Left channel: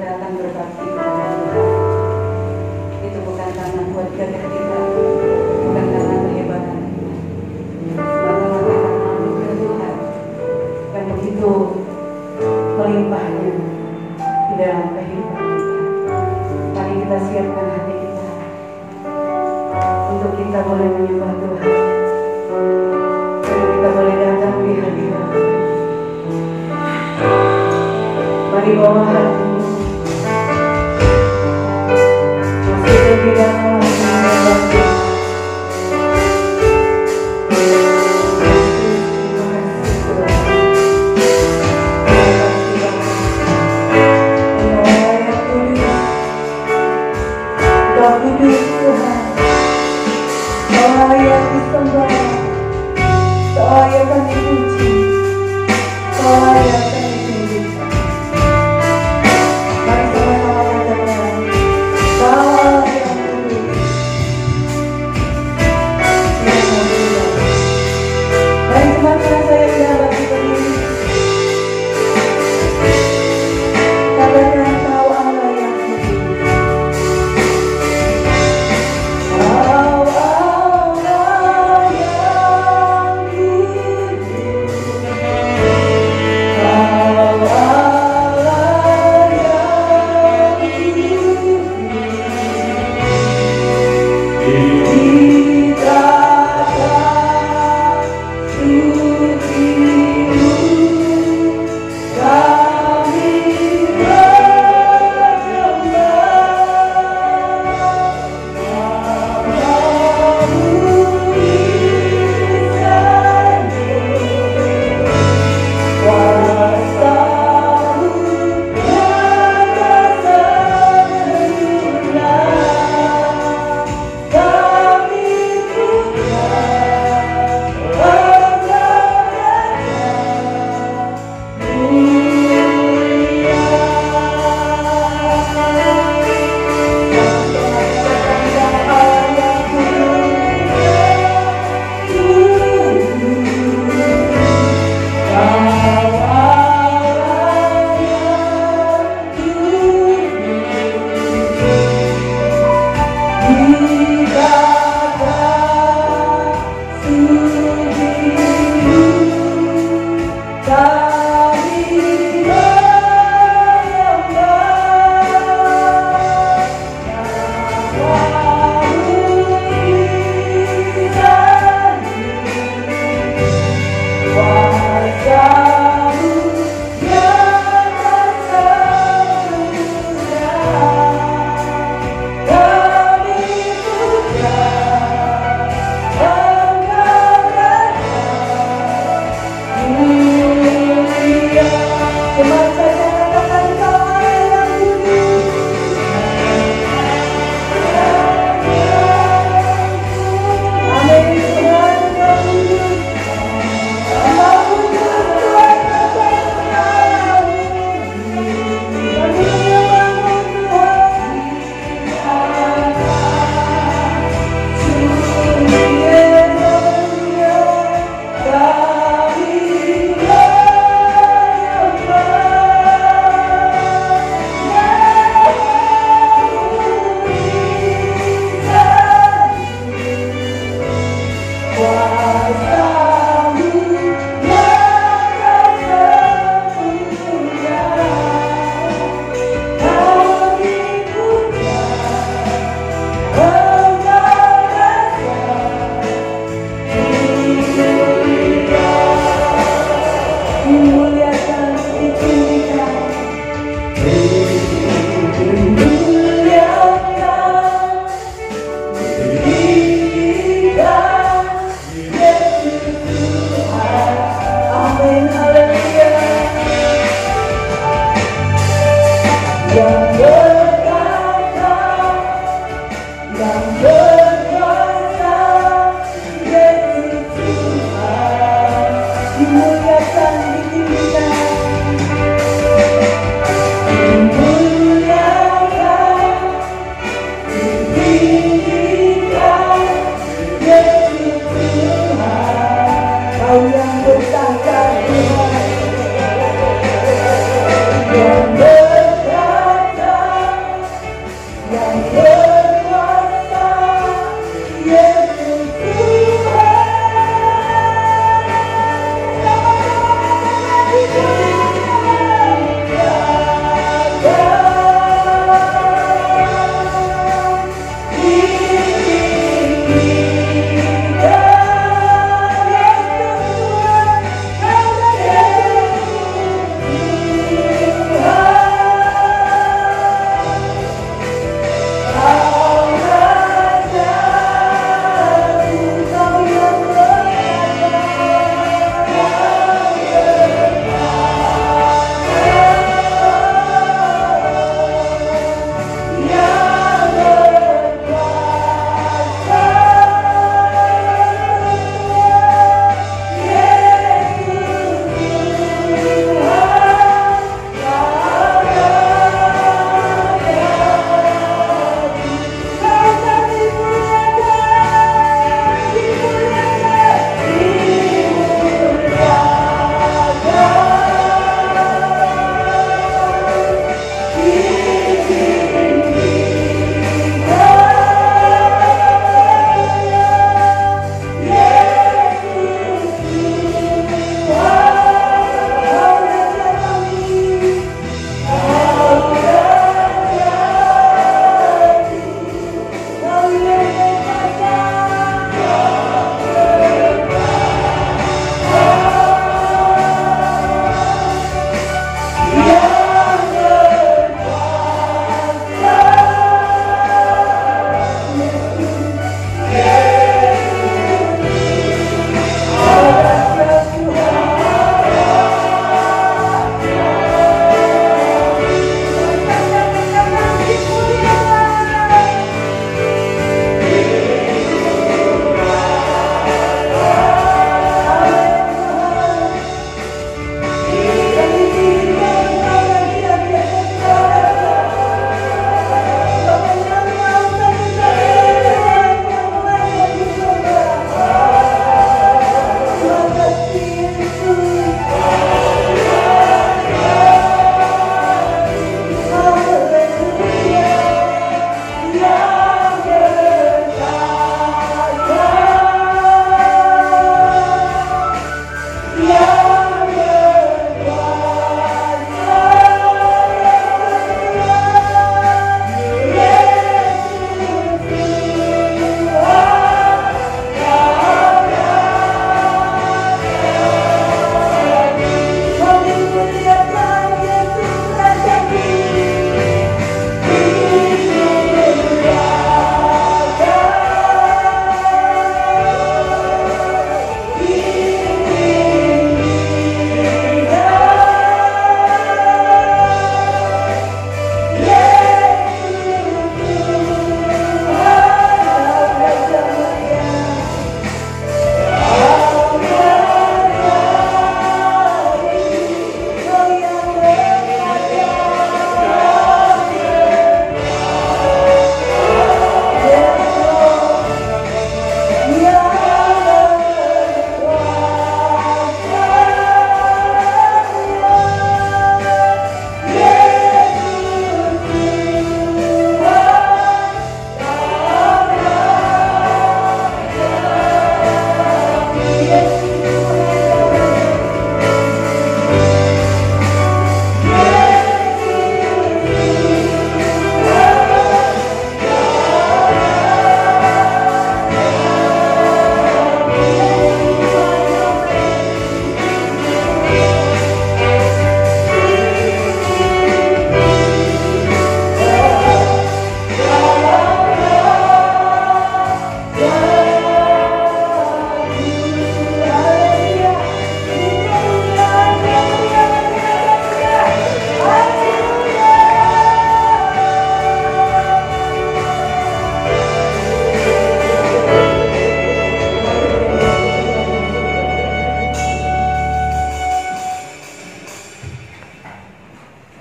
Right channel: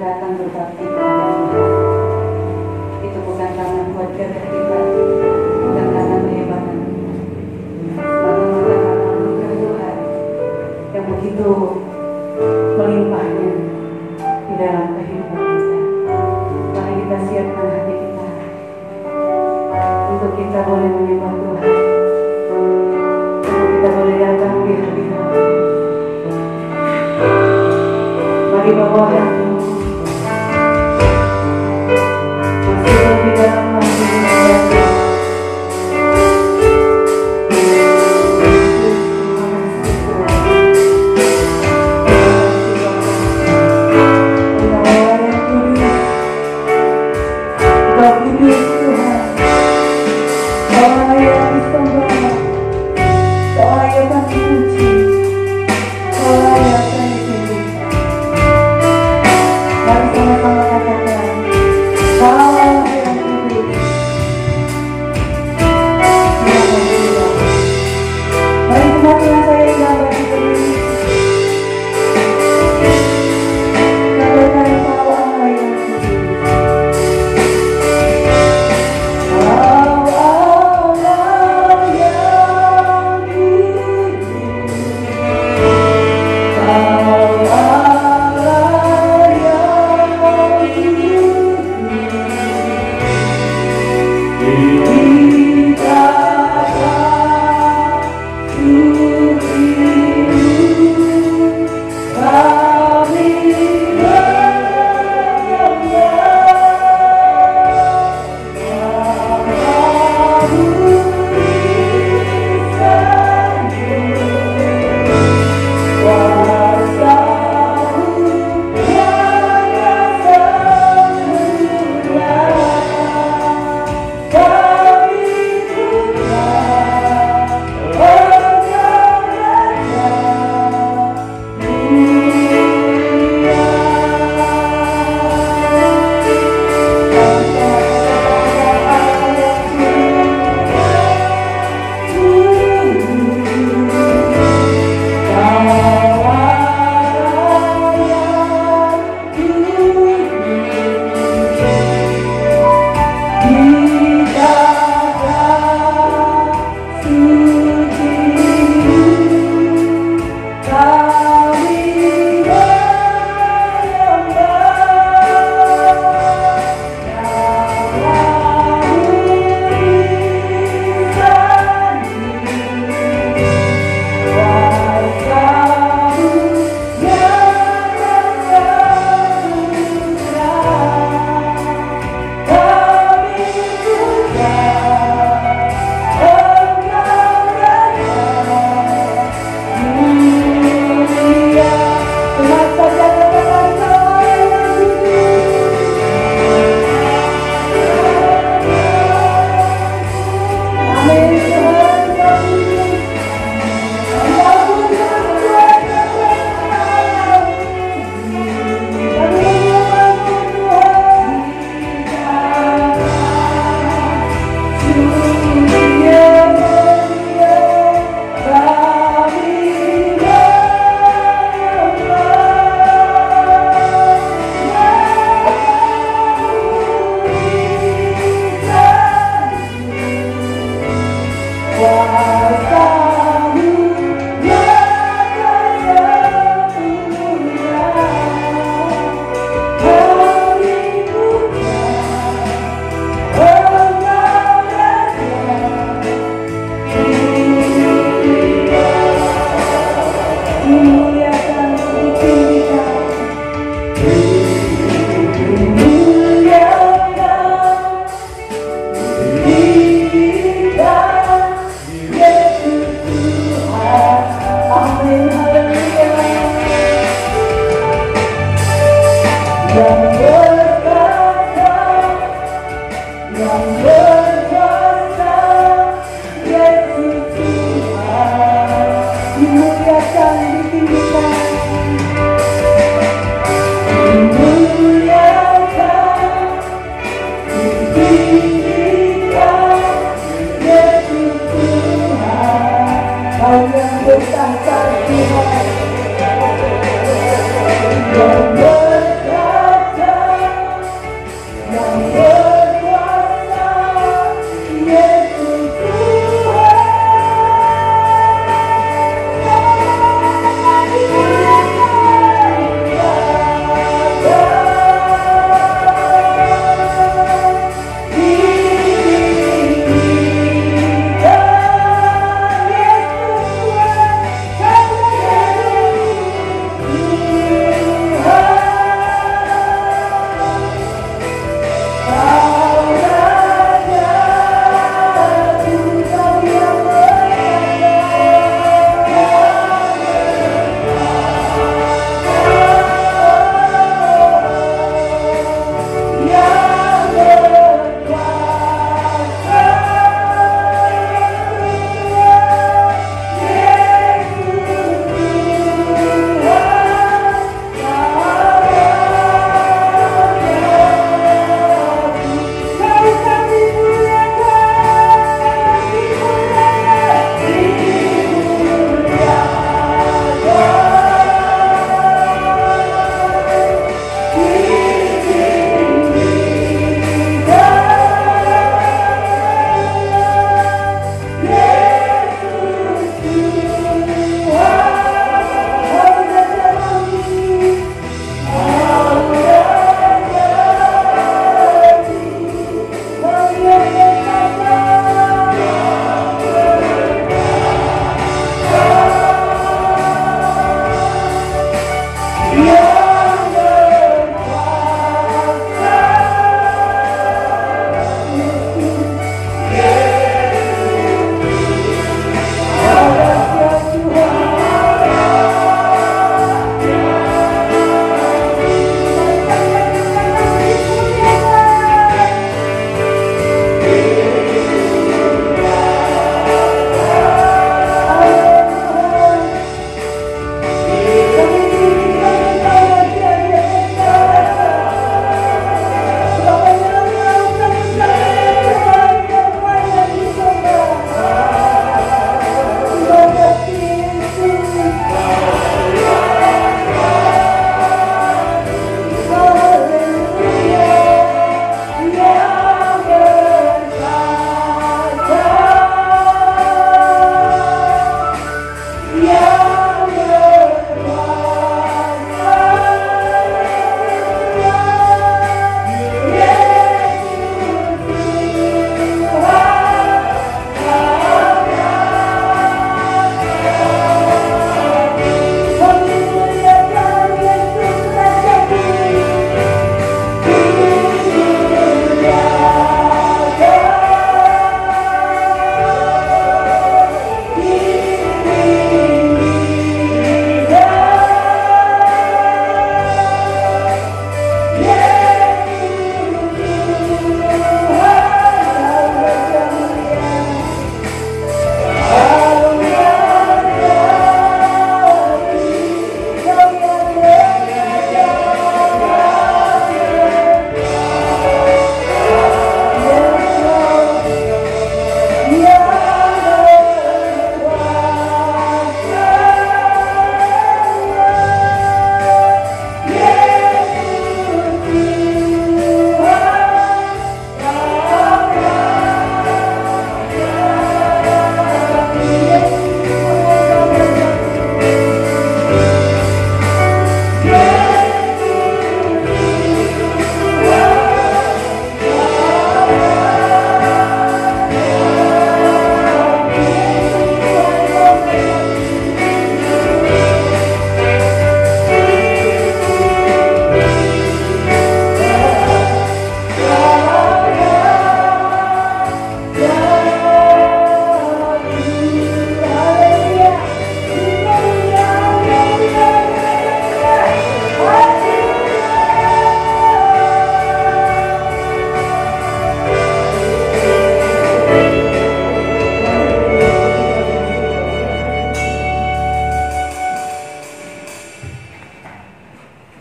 datang berbakti kepada Tuhan. Itu bukan karena buat kerja kita, bukan karena penyebaran, semata-mata karena anugerah Tuhan yang begitu melimpahnya di dalam kehidupan kita. Mari kita siapkan hati kita untuk kita boleh menyembah Tuhan, untuk kita boleh datang di hadirat. Mari bawa hatimu masih lebih dalam lagi menjadi.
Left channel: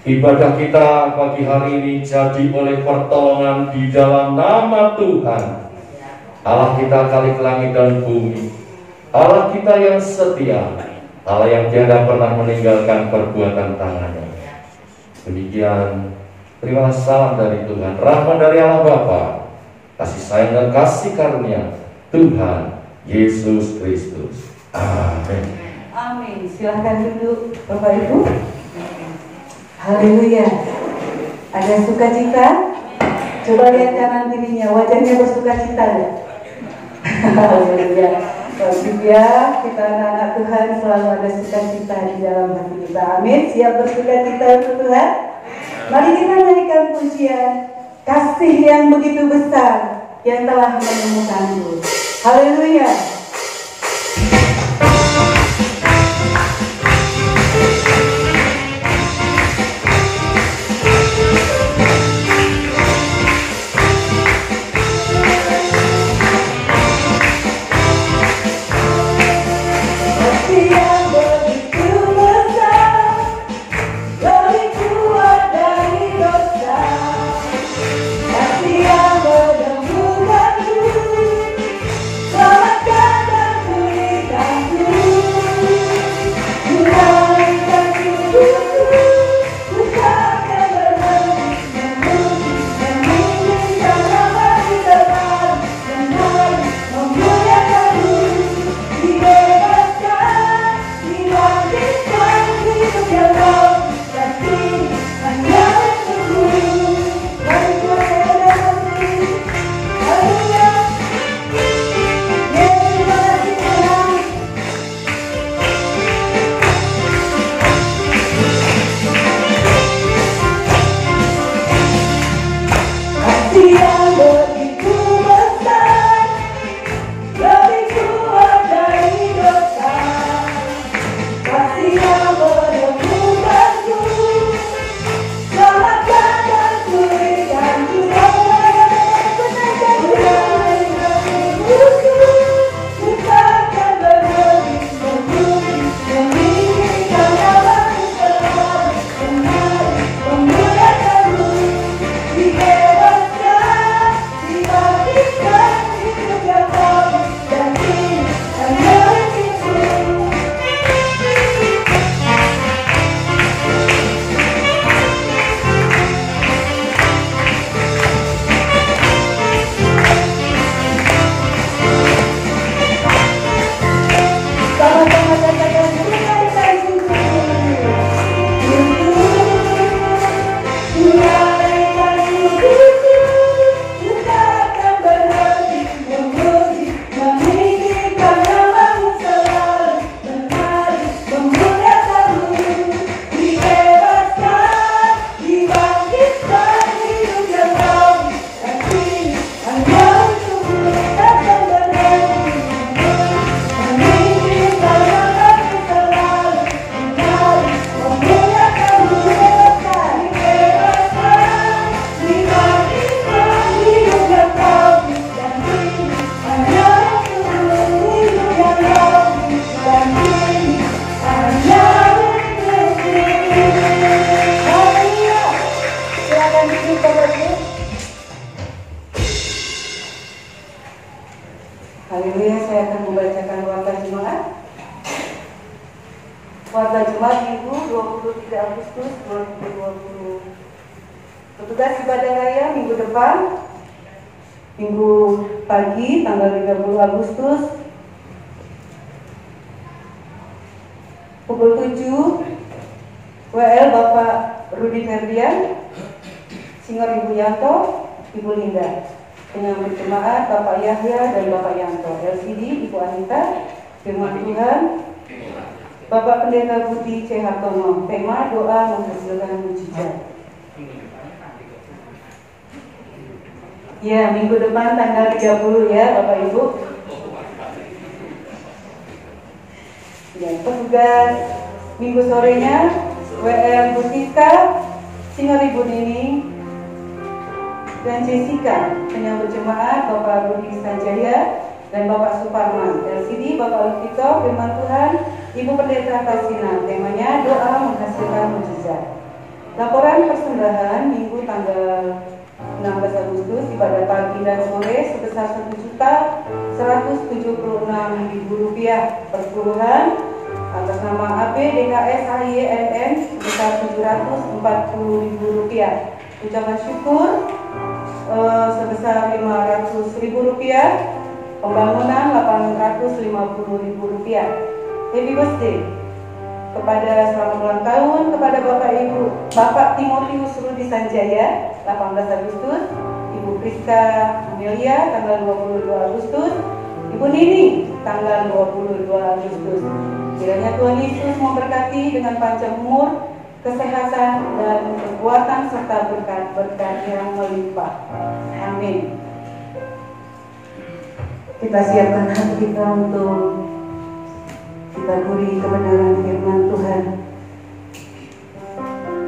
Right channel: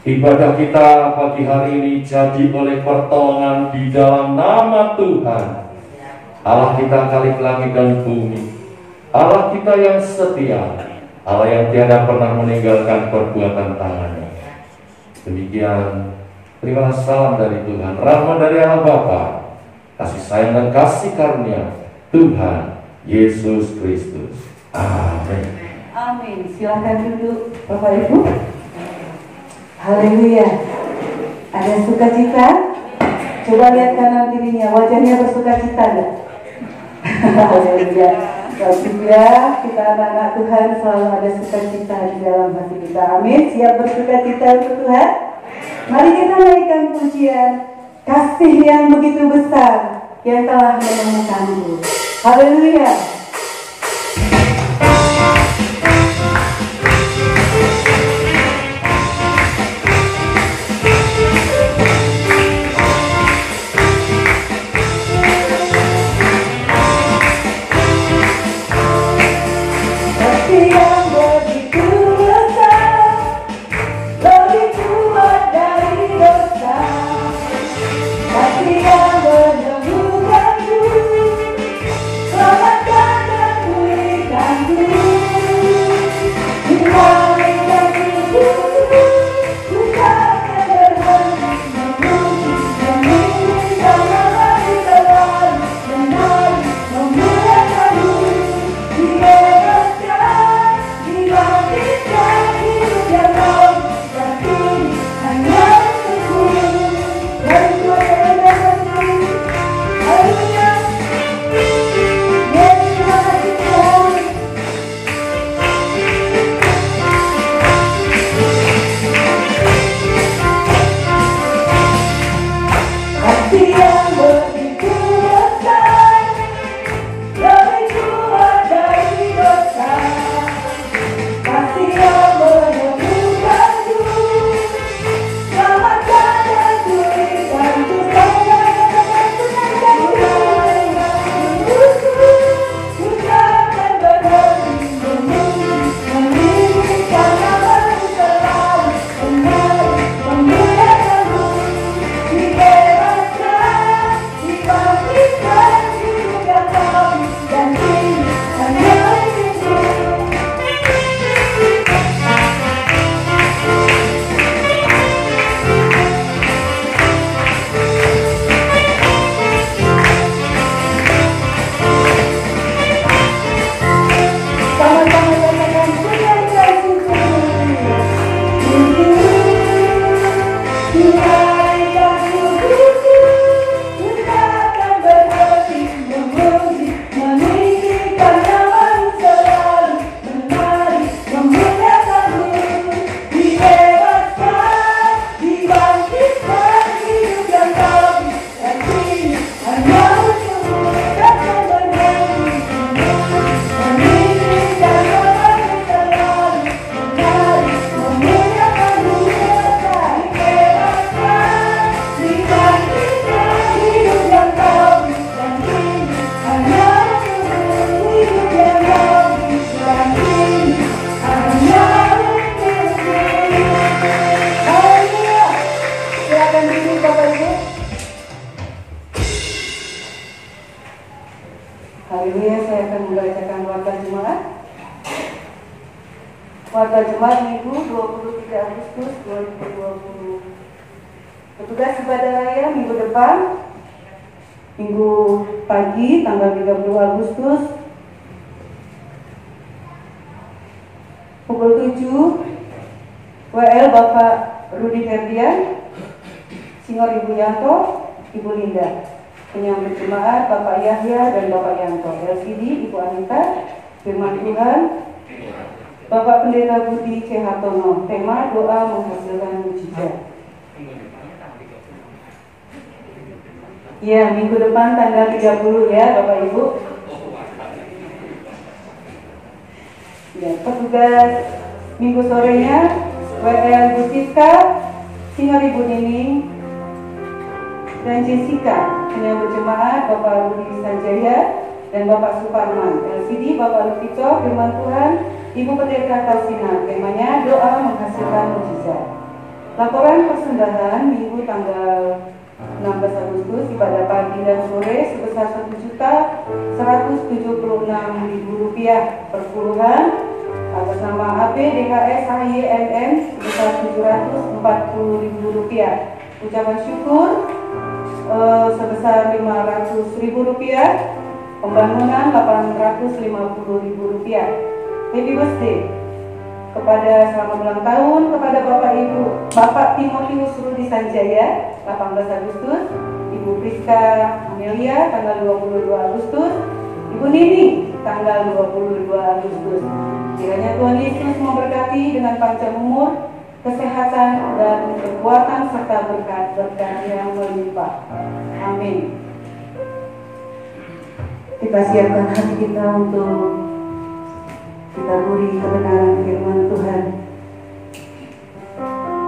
Ibadah kita pagi hari ini jadi oleh pertolongan di dalam nama Tuhan, Allah kita Khalik langit dan bumi, Allah kita yang setia, Allah yang tiada pernah meninggalkan perbuatan tangannya. Demikian, terimalah salam dari Tuhan, rahmat dari Allah Bapa, kasih sayang dan kasih karunia Tuhan Yesus Kristus. Amin. Amin. Silahkan duduk Bapak Ibu. Haleluya. Ada sukacita? Coba lihat kanan kirinya, wajahnya bersukacita enggak? Haleluya. Ya, kita anak-anak Tuhan selalu ada sukacita di dalam hati kita. Amin. Siap bersukacita untuk Tuhan? Mari kita naikkan pujian kasih yang begitu besar yang telah menemukanku. Haleluya. Haleluya, saya akan membacakan warta jemaat. Warta jemaat Minggu 23 Agustus 2020. Petugas ibadah raya minggu depan, Minggu pagi tanggal 30 Agustus pukul 7 WL Bapak Rudi Ferdian, Singor Ibu Yanto, Ibu Linda. Penyambut jemaat Bapak Yahya dan Bapak Yanto. LCD Ibu Anita. Firman Tuhan Bapak Pendeta Budi C. Hartono. Tema doa menghasilkan mujizat. Ya, minggu depan tanggal 30 ya Bapak Ibu. Ya, petugas minggu sorenya WL Bu Siska, Singor Ibu Nining dan Jessica. Penyambut jemaat Bapak Rudi Sanjaya dan Bapak Suparman. LCD Bapak Lukito. Firman Tuhan Ibu Pendeta Kasina. Temanya doa menghasilkan mujizat. Laporan persembahan Minggu tanggal 16 Agustus ibadah pagi dan sore sebesar Rp1.176.000 perpuluhan atas nama AB DHS HYMM sebesar Rp740.000. Ucapan syukur sebesar Rp500.000, pembangunan Rp850.000. Happy birthday kepada selamat ulang tahun kepada Bapak Timotius Rudi Sanjaya 18 Agustus, Ibu Priska Amelia tanggal 22 Agustus, Ibu Nini tanggal 22 Agustus. Kiranya Tuhan Yesus memberkati dengan panjang umur, kesehatan dan kekuatan serta berkat-berkat yang melimpah. Amin. Kita siapkan hati kita untuk kita beri kebenaran firman Tuhan.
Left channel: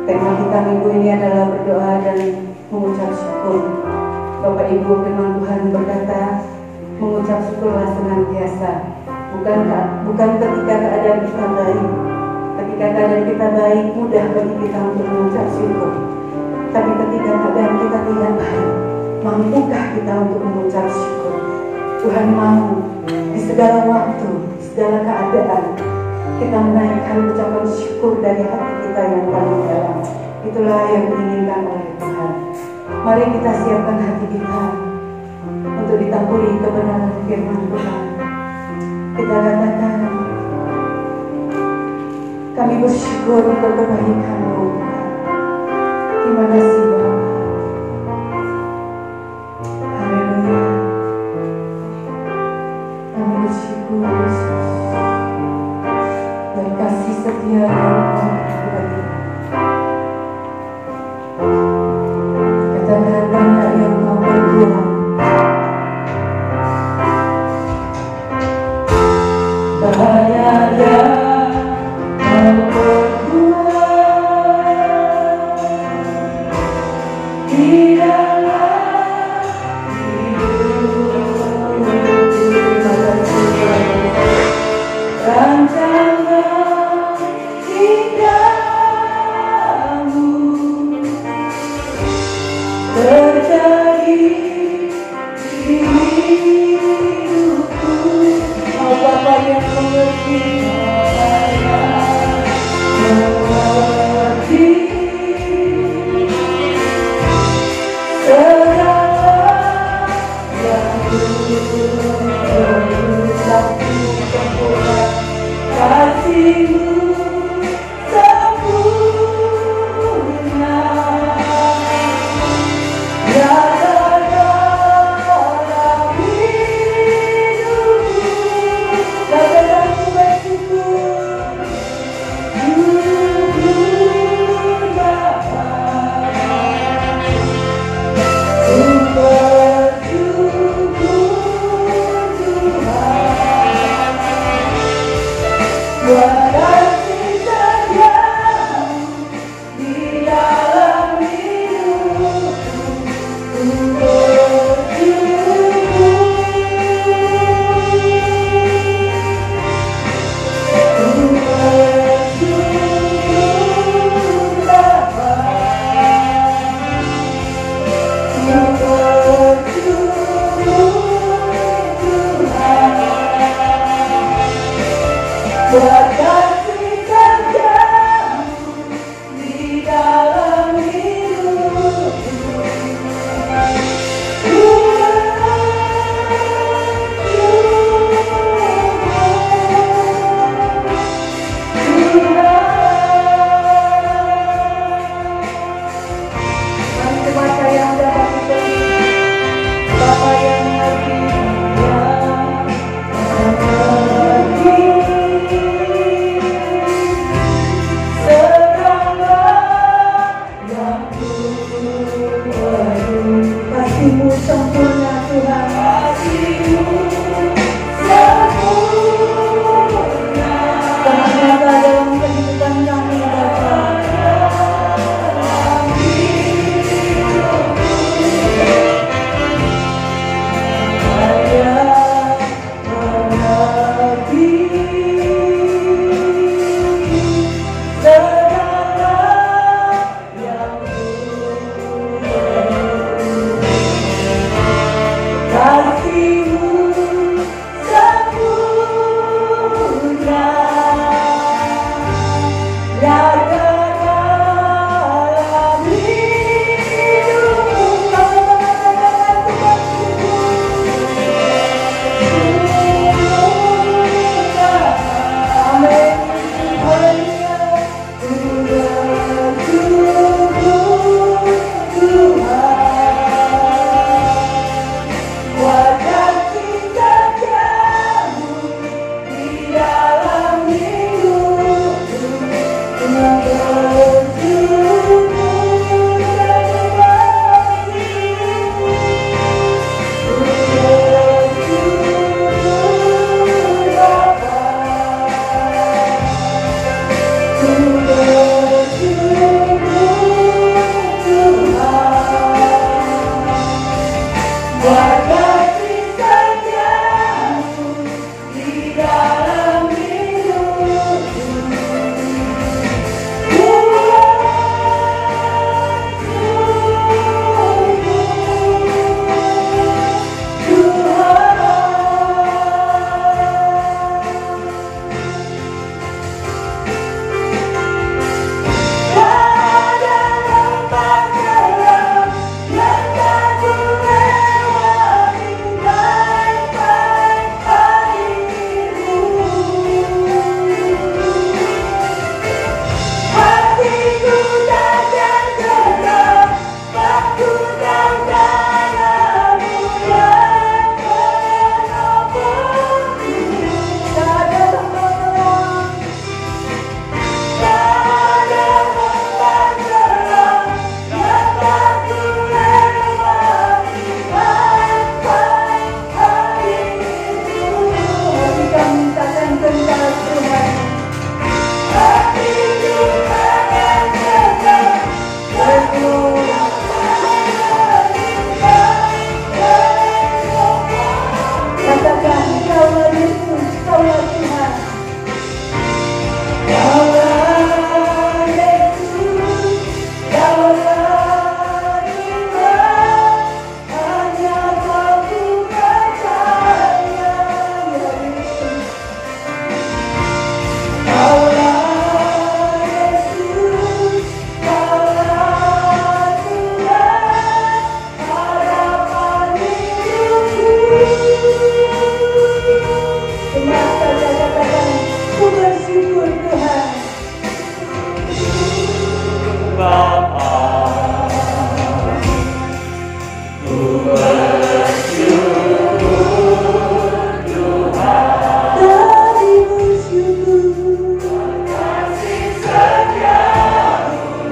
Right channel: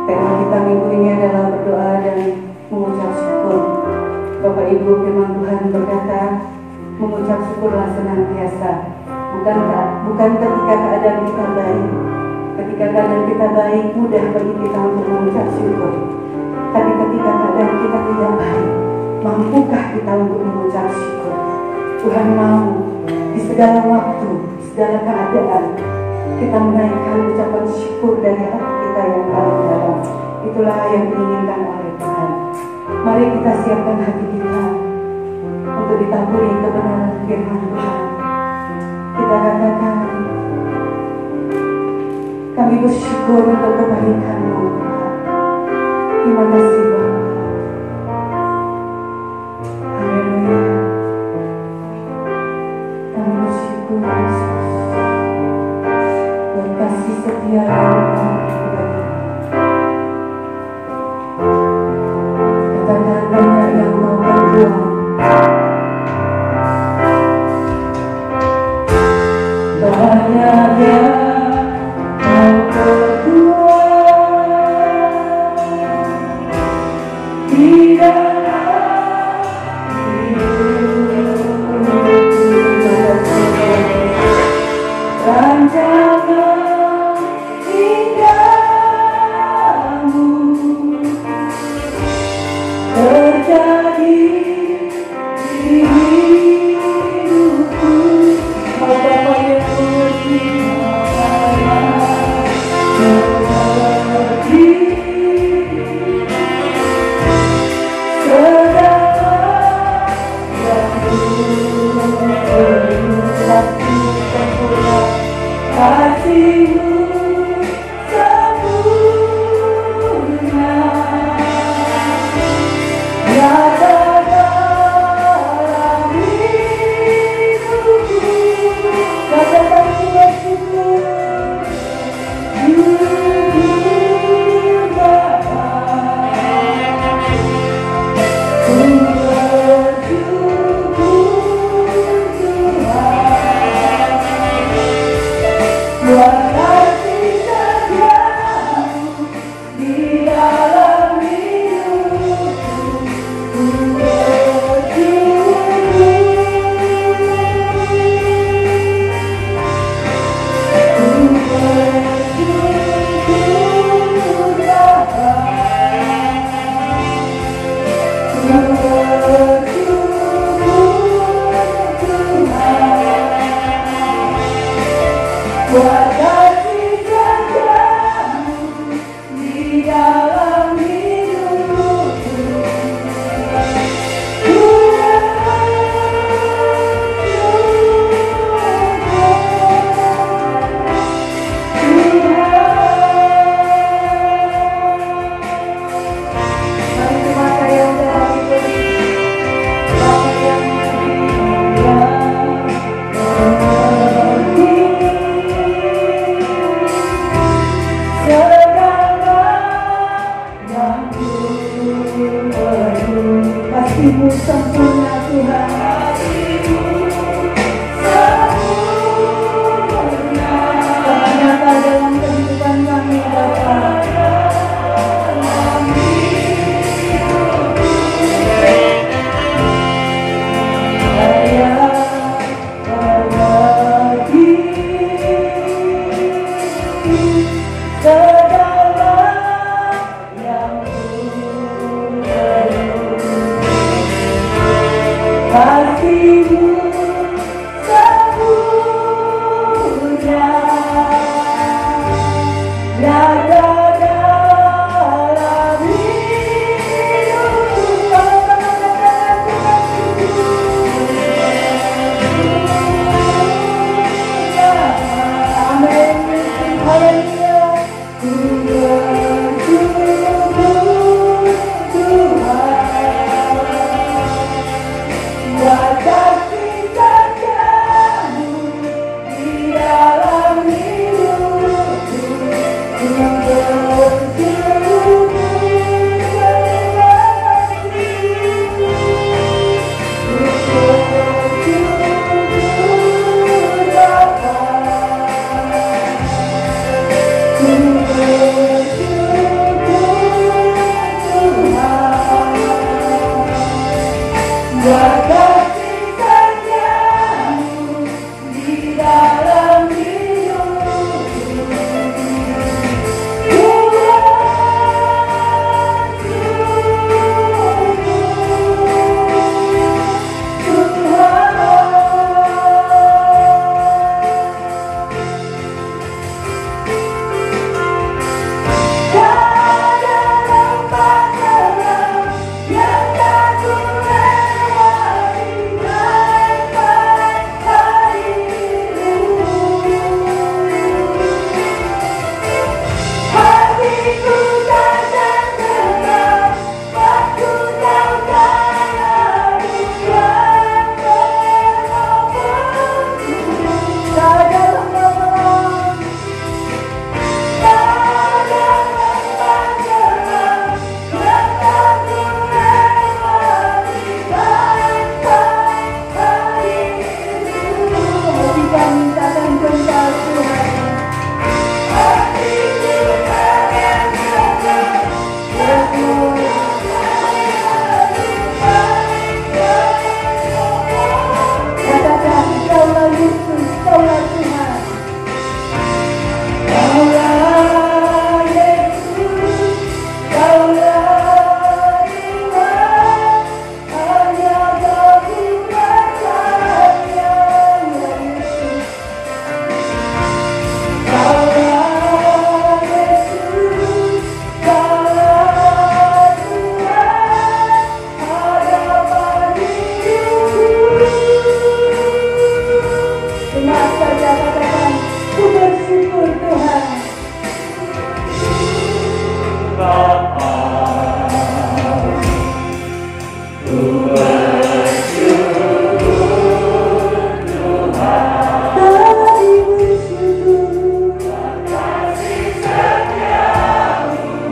Tema kita minggu ini adalah berdoa dan mengucap syukur. Bapak Ibu, firman Tuhan berkata, mengucap syukurlah senantiasa. Bukan ketika keadaan kita baik. Ketika keadaan kita baik, mudah bagi kita untuk mengucap syukur. Tapi ketika keadaan kita tidak baik, mampukah kita untuk mengucap syukur? Tuhan mau di segala waktu, di segala keadaan, kita menaikkan ucapan syukur dari hati kita yang paling dalam. Itulah yang diinginkan oleh Tuhan. Mari kita siapkan hati kita untuk ditaburi kebenaran firman Tuhan. Kita katakan, kami bersyukur untuk kebaikan-Mu Tuhan. Terima kasih Bapa. Haleluya. Kami bersyukur Yesus. Berkasih setia Engkau kepada kami. Katakan banyak yang Kau berbuat. Banyak yang Kau berbuat di dalam hidupku. Rancangan indahmu terjadi di hidupku. Oh Bapa yang mengerti segala yang ku berusaha sempurna. Kasih-Mu sempurna nyata dalam hidupku. Katakan ku bersyukur, syukur Bapa, ku bersyukur Tuhan. Buat kasih setia-Mu di dalam hidupku, ku bersyukur. Ku bersyukur Bapa, ku bersyukur Tuhan. Buat kasih setia-Mu di dalam hidupku, ku Mari semua saya dalam hidup Bapa yang lebih mulia, kasih-Mu sempurna Tuhan. Kasih-Mu sempurna nyata dalam kehidupan kami Bapa. Segala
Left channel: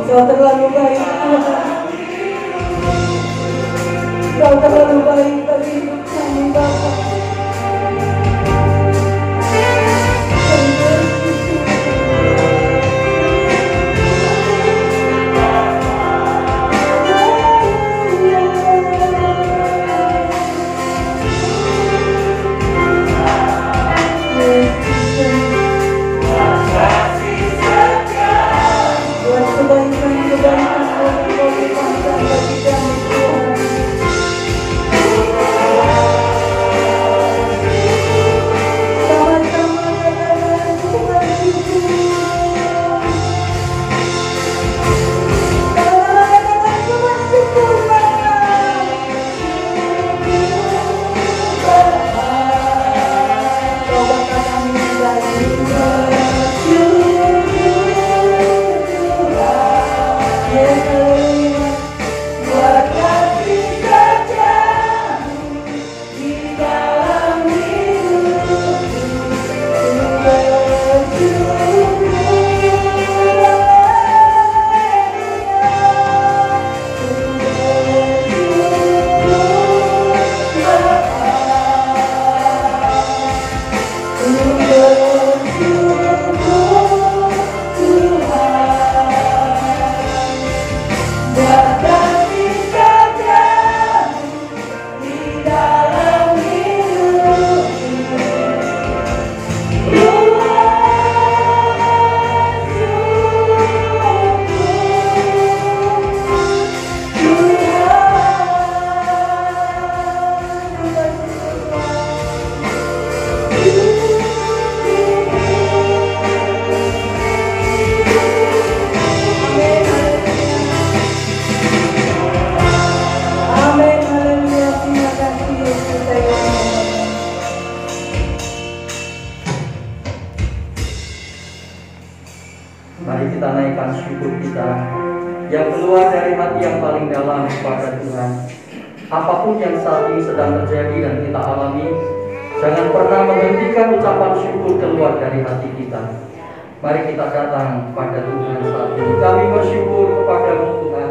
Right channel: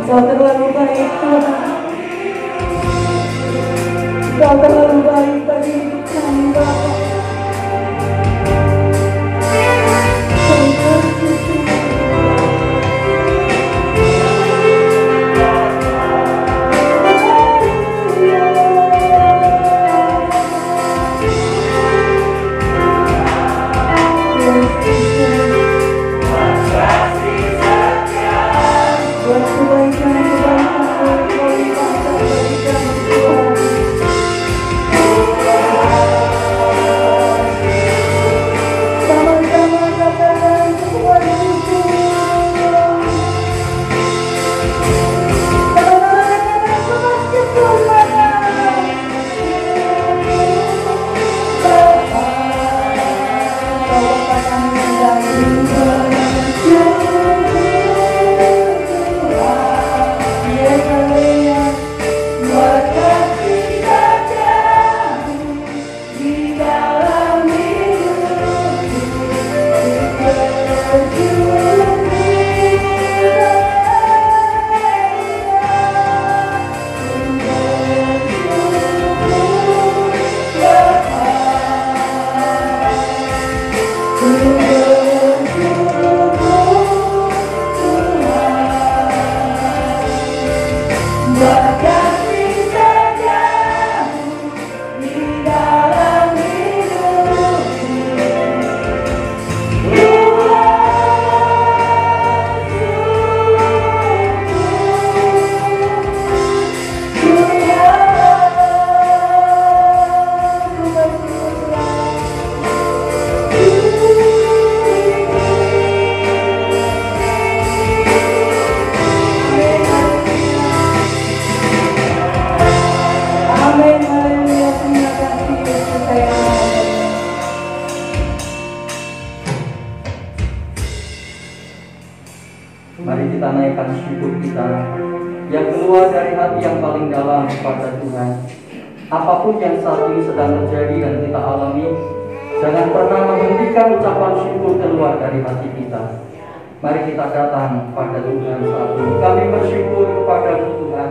Kau terlalu baik Tuhan. Kau terlalu baik bagi hidup kami Bapa. Mari kita naikkan syukur kita yang keluar dari hati yang paling dalam kepada Tuhan. Apapun yang saat ini sedang terjadi dan kita alami, jangan pernah menghentikan ucapan syukur keluar dari hati kita. Mari kita datang pada Tuhan saat ini. Kami bersyukur kepada Tuhan.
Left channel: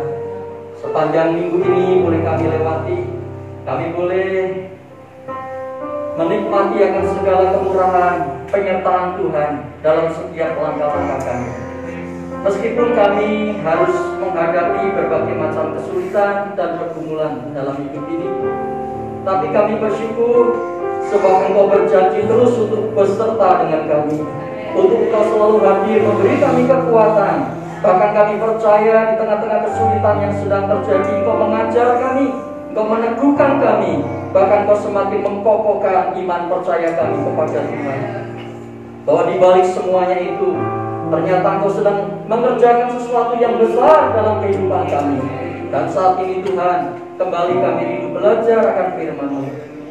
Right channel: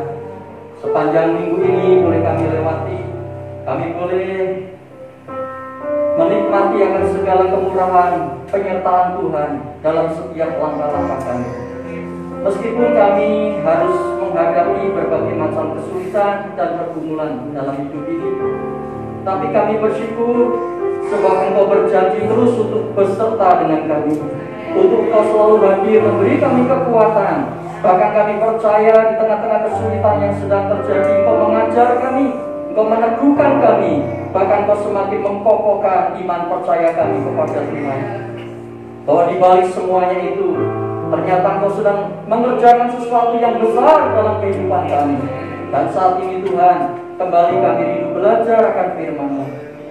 Sepanjang minggu ini boleh kami lewati, kami boleh menikmati akan segala kemurahan penyertaan Tuhan dalam setiap langkah-langkah kami. Meskipun kami harus menghadapi berbagai macam kesulitan dan pergumulan dalam hidup ini, Tapi kami bersyukur sebab Engkau berjanji terus untuk beserta dengan kami, untuk Engkau selalu hadir memberi kami kekuatan. Bahkan kami percaya di tengah-tengah kesulitan yang sedang terjadi, Engkau mengajar kami, Engkau meneguhkan kami, bahkan Engkau semakin mengkokohkan iman percaya kami kepada Tuhan. Bahwa di balik semuanya itu, ternyata Engkau sedang mengerjakan sesuatu yang besar dalam kehidupan kami. Dan saat ini Tuhan, kembali kami rindu belajar akan firman-Mu.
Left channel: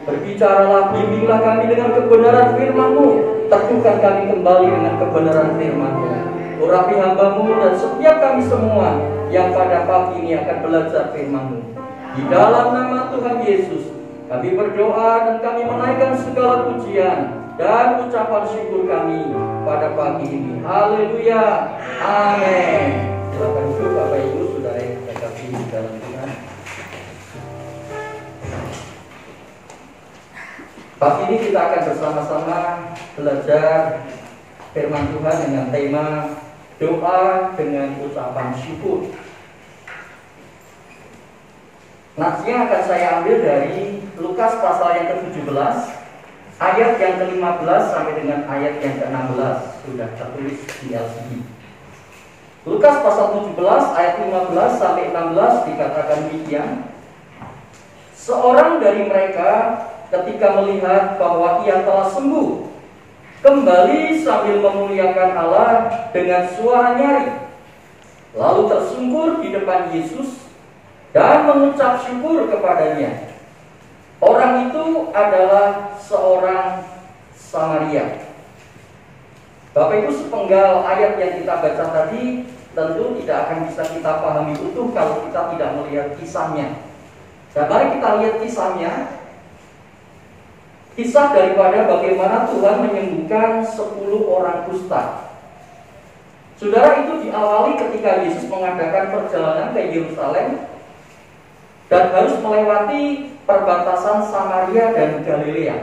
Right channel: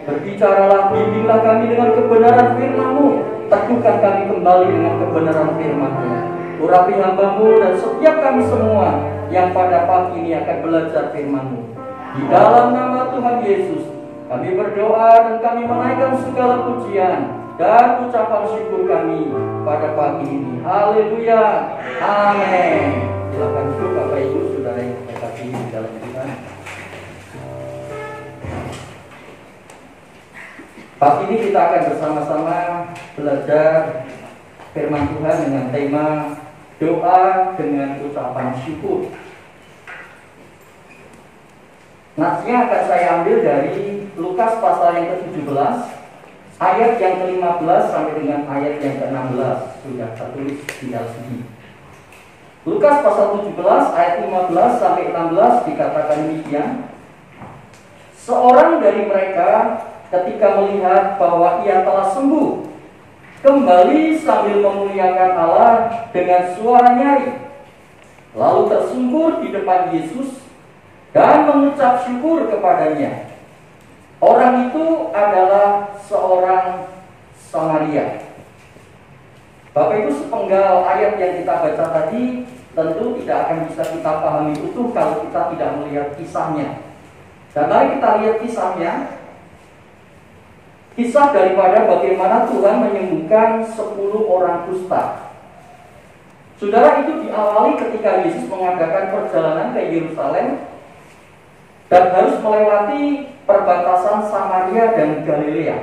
Berbicaralah, bimbinglah kami dengan kebenaran firman-Mu. Teguhkan kami kembali dengan kebenaran firman-Mu. Urapi hamba-Mu dan setiap kami semua yang pada pagi ini akan belajar firman-Mu. Di dalam nama Tuhan Yesus, kami berdoa dan kami menaikkan segala pujian dan ucapan syukur kami pada pagi ini. Haleluya. Amin. Silakan duduk Bapak Ibu, saudara yang terkasih di dalam Tuhan. Pagi ini kita akan bersama-sama belajar firman Tuhan dengan tema doa dengan ucapan syukur. Natsnya akan saya ambil dari Lukas pasal yang ke-17, ayat yang ke-15 sampai dengan ayat yang ke-16. Sudah tertulis di LCD. Lukas pasal 17 ayat 15 sampai 16 dikatakan demikian. Seorang dari mereka ketika melihat bahwa ia telah sembuh, kembali sambil memuliakan Allah dengan suara nyaring, lalu tersungkur di depan Yesus dan mengucap syukur kepadanya. Orang itu adalah seorang Samaria. Bapak Ibu, sepenggal ayat yang kita baca tadi tentu tidak akan bisa kita pahami utuh kalau kita tidak melihat kisahnya. Dan mari kita lihat kisahnya. Kisah daripada bagaimana Tuhan menyembuhkan 10 orang kusta. Saudara, itu diawali ketika Yesus mengadakan perjalanan ke Yerusalem dan harus melewati perbatasan Samaria dan Galilea.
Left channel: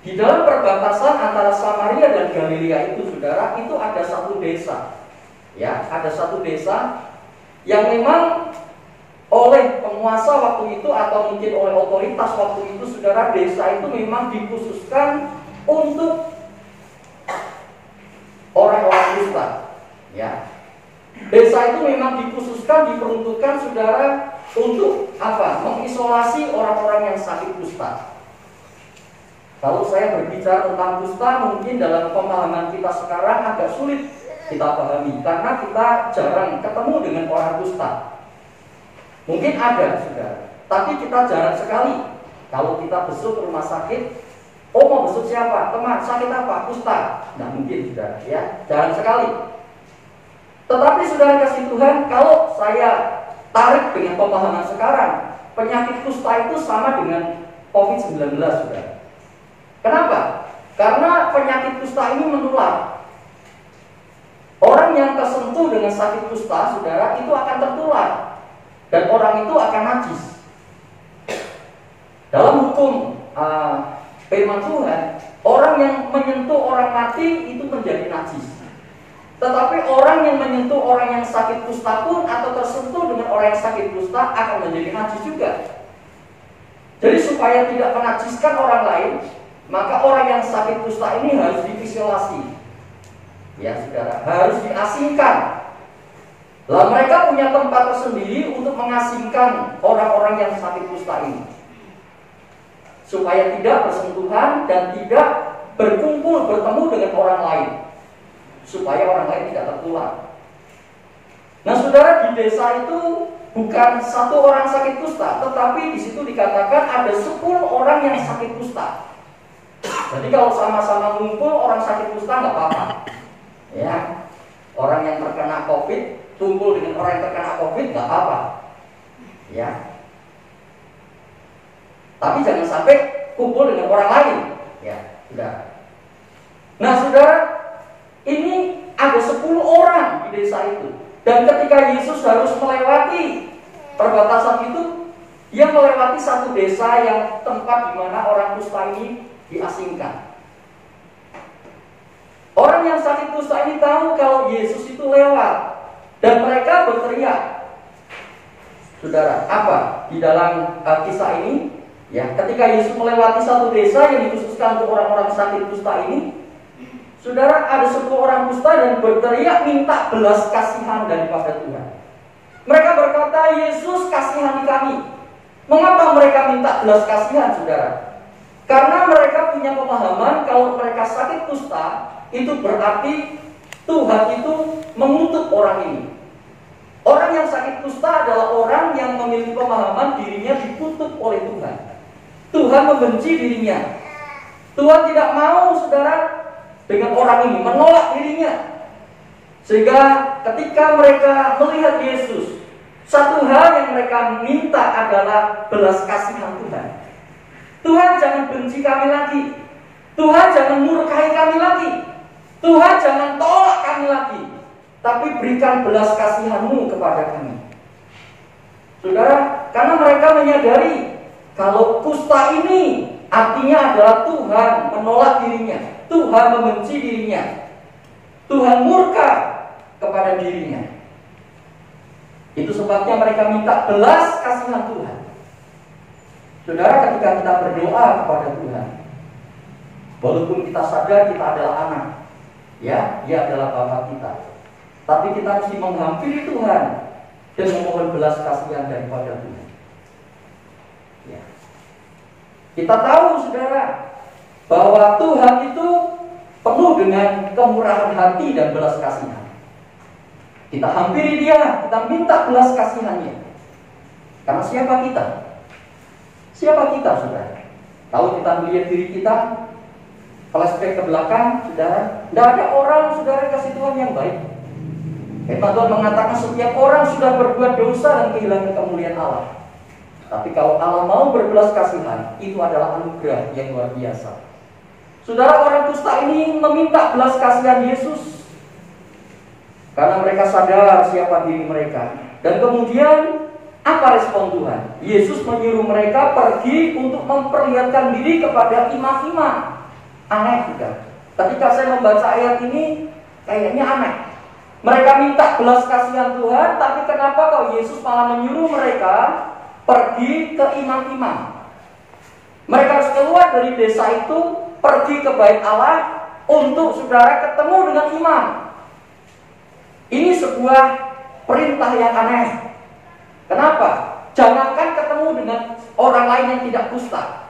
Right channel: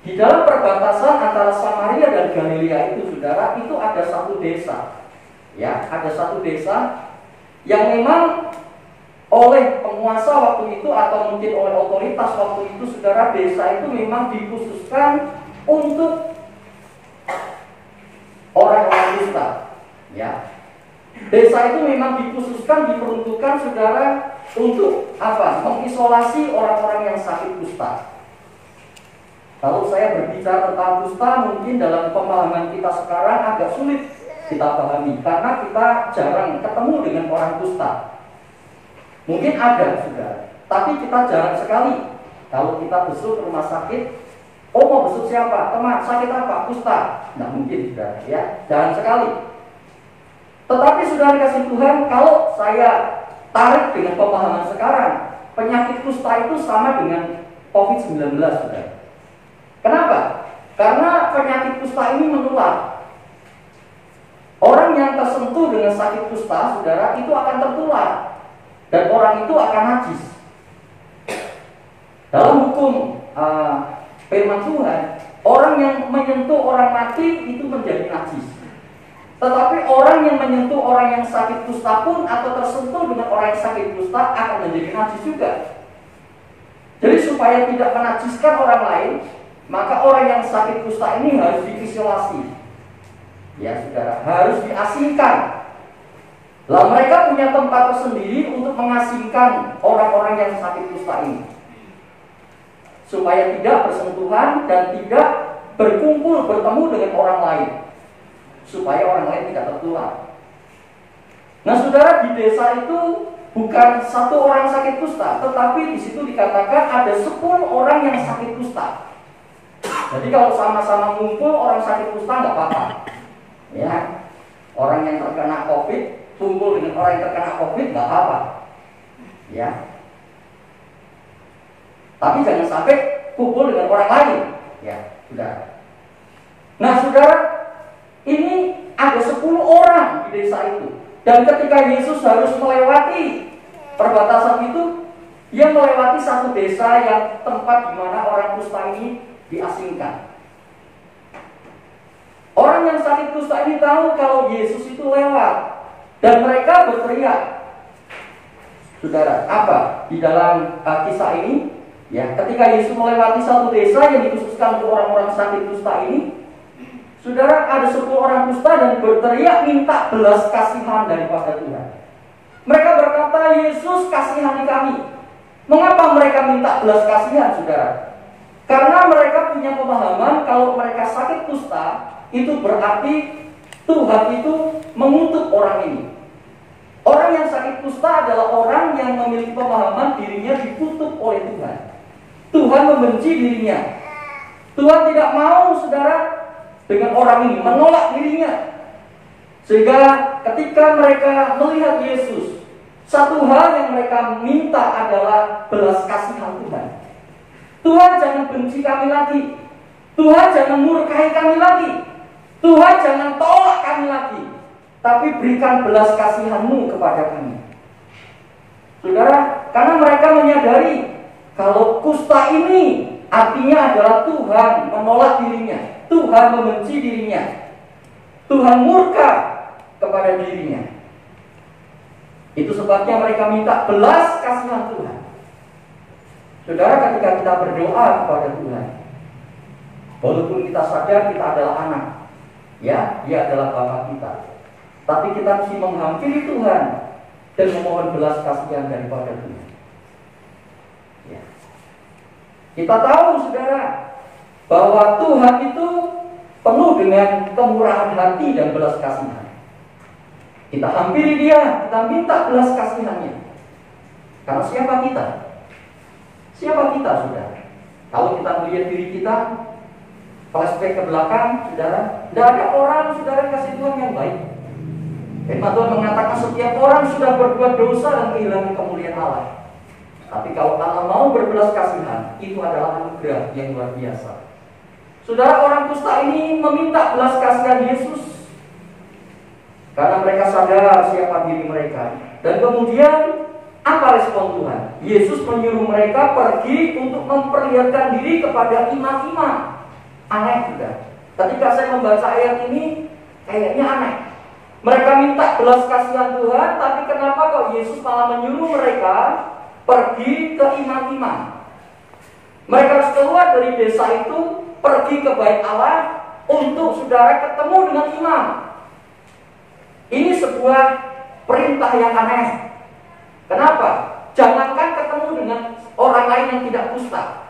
Di dalam perbatasan antara Samaria dan Galilea itu, saudara, itu ada satu desa. Ya, ada satu desa yang memang oleh penguasa waktu itu atau mungkin oleh otoritas waktu itu, saudara, desa itu memang dikhususkan untuk orang-orang kusta. Ya, desa itu memang dikhususkan, diperuntukkan, saudara, untuk apa? Mengisolasi orang-orang yang sakit kusta. Kalau saya berbicara tentang kusta, mungkin dalam pemahaman kita sekarang agak sulit kita pahami karena kita jarang ketemu dengan orang kusta. Mungkin ada, saudara, tapi kita jarang sekali. Kalau kita besuk ke rumah sakit, oh mau besuk siapa? Teman, sakit apa? Kusta. Nah mungkin, saudara, ya, jarang sekali. Tetapi saudara kasih Tuhan, kalau saya tarik dengan pemahaman sekarang, penyakit kusta itu sama dengan COVID-19, saudara. Kenapa? Karena penyakit kusta ini menular. Orang yang tersentuh dengan sakit kusta, saudara, itu akan tertular. Dan orang itu akan najis. Dalam hukum firman Tuhan, orang yang menyentuh orang mati itu menjadi najis. Tetapi orang yang menyentuh orang yang sakit kusta pun atau tersentuh dengan orang yang sakit kusta akan menjadi najis juga. Jadi supaya tidak menajiskan orang lain, maka orang yang sakit kusta ini harus diisolasi. Ya, saudara, harus diasingkan. Lah mereka punya tempat tersendiri untuk mengasingkan orang-orang yang sakit kusta ini, supaya tidak bersentuhan dan tidak berkumpul bertemu dengan orang lain, supaya orang lain tidak tertular. Nah, saudara, di desa itu bukan satu orang sakit kusta, tetapi di situ dikatakan ada 10 orang yang sakit kusta. Jadi kalau sama-sama ngumpul orang sakit kusta nggak apa-apa. Ya, orang yang terkena COVID kumpul dengan orang yang terkena COVID nggak apa-apa. Ya. Tapi jangan sampai kumpul dengan orang lain. Ya, sudah. Nah, saudara, ini ada 10 orang di desa itu. Dan ketika Yesus harus melewati perbatasan itu, dia melewati satu desa yang tempat di mana orang kusta ini diasingkan. Orang yang sakit kusta ini tahu kalau Yesus itu lewat, dan mereka berteriak. Saudara, apa di dalam kisah ini? Ya, ketika Yesus melewati satu desa yang dikhususkan untuk orang-orang sakit kusta ini, saudara, ada 10 orang kusta dan berteriak minta belas kasihan daripada Tuhan. Mereka berkata, Yesus kasihani kami. Mengapa mereka minta belas kasihan, saudara? Karena mereka punya pemahaman kalau mereka sakit kusta, itu berarti Tuhan itu mengutuk orang ini. Orang yang sakit kusta adalah orang yang memiliki pemahaman dirinya dikutuk oleh Tuhan. Tuhan membenci dirinya. Tuhan tidak mau, saudara, dengan orang ini, menolak dirinya. Sehingga ketika mereka melihat Yesus, satu hal yang mereka minta adalah belas kasihan Tuhan. Tuhan, jangan benci kami lagi. Tuhan, jangan murkai kami lagi. Tuhan, jangan tolak kami lagi. Tapi berikan belas kasihan-Mu kepada kami. Saudara, karena mereka menyadari kalau kusta ini artinya adalah Tuhan menolak dirinya, Tuhan membenci dirinya, Tuhan murka kepada dirinya. Itu sebabnya mereka minta belas kasihan Tuhan. Saudara, ketika kita berdoa kepada Tuhan, walaupun kita sadar kita adalah anak, ya, Dia adalah Bapa kita, tapi kita mesti menghampiri Tuhan dan memohon belas kasihan daripada Tuhan. Ya. Kita tahu, saudara, bahwa Tuhan itu penuh dengan kemurahan hati dan belas kasihan. Kita hampiri Dia, kita minta belas kasihannya. Karena siapa kita? Siapa kita, saudara? Kalau kita melihat diri kita, flashback ke belakang, saudara, tidak ada orang, saudara, kasih Tuhan yang baik. Firman Tuhan mengatakan setiap orang sudah berbuat dosa dan kehilangan kemuliaan Allah. Tapi kalau Allah mau berbelas kasihan, itu adalah anugerah yang luar biasa. Saudara, orang kusta ini meminta belas kasihan Yesus karena mereka sadar siapa diri mereka. Dan kemudian apa respon Tuhan? Yesus menyuruh mereka pergi untuk memperlihatkan diri kepada imam-imam. Aneh juga. Ketika saya membaca ayat ini, kayaknya aneh. Mereka minta belas kasihan Tuhan, tapi kenapa kok Yesus malah menyuruh mereka pergi ke imam-imam? Mereka harus keluar dari desa itu, pergi ke bait Allah untuk, saudara, ketemu dengan imam. Ini sebuah perintah yang aneh. Kenapa? Jangankan ketemu dengan orang lain yang tidak kusta,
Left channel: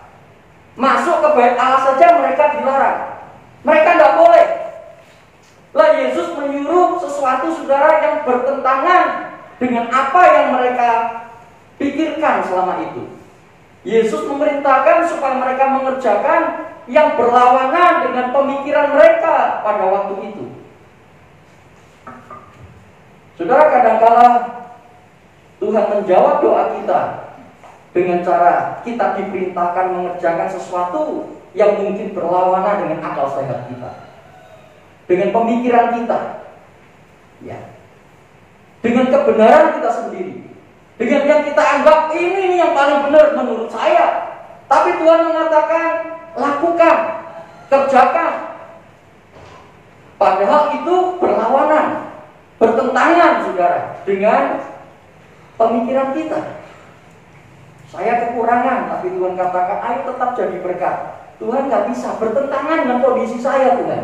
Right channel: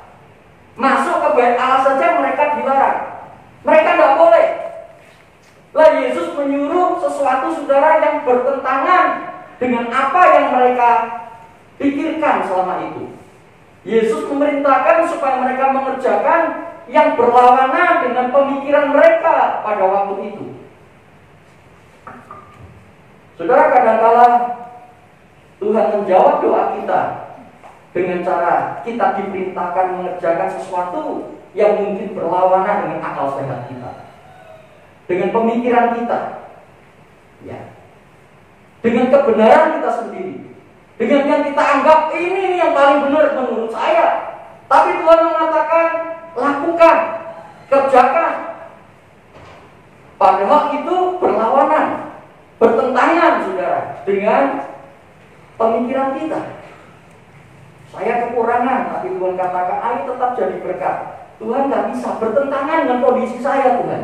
masuk ke bait Allah saja mereka dilarang. Mereka tidak boleh. Lah, Yesus menyuruh sesuatu, saudara, yang bertentangan dengan apa yang mereka pikirkan selama itu. Yesus memerintahkan supaya mereka mengerjakan yang berlawanan dengan pemikiran mereka pada waktu itu. Saudara, kadangkala Tuhan menjawab doa kita dengan cara kita diperintahkan mengerjakan sesuatu yang mungkin berlawanan dengan akal sehat kita, dengan pemikiran kita, ya, dengan kebenaran kita sendiri, dengan yang kita anggap ini yang paling benar menurut saya. Tapi Tuhan mengatakan lakukan, kerjakan. Padahal itu berlawanan, bertentangan, saudara, dengan pemikiran kita. Saya kekurangan, tapi Tuhan katakan ayo tetap jadi berkat. Tuhan gak bisa, bertentangan dengan kondisi saya, Tuhan.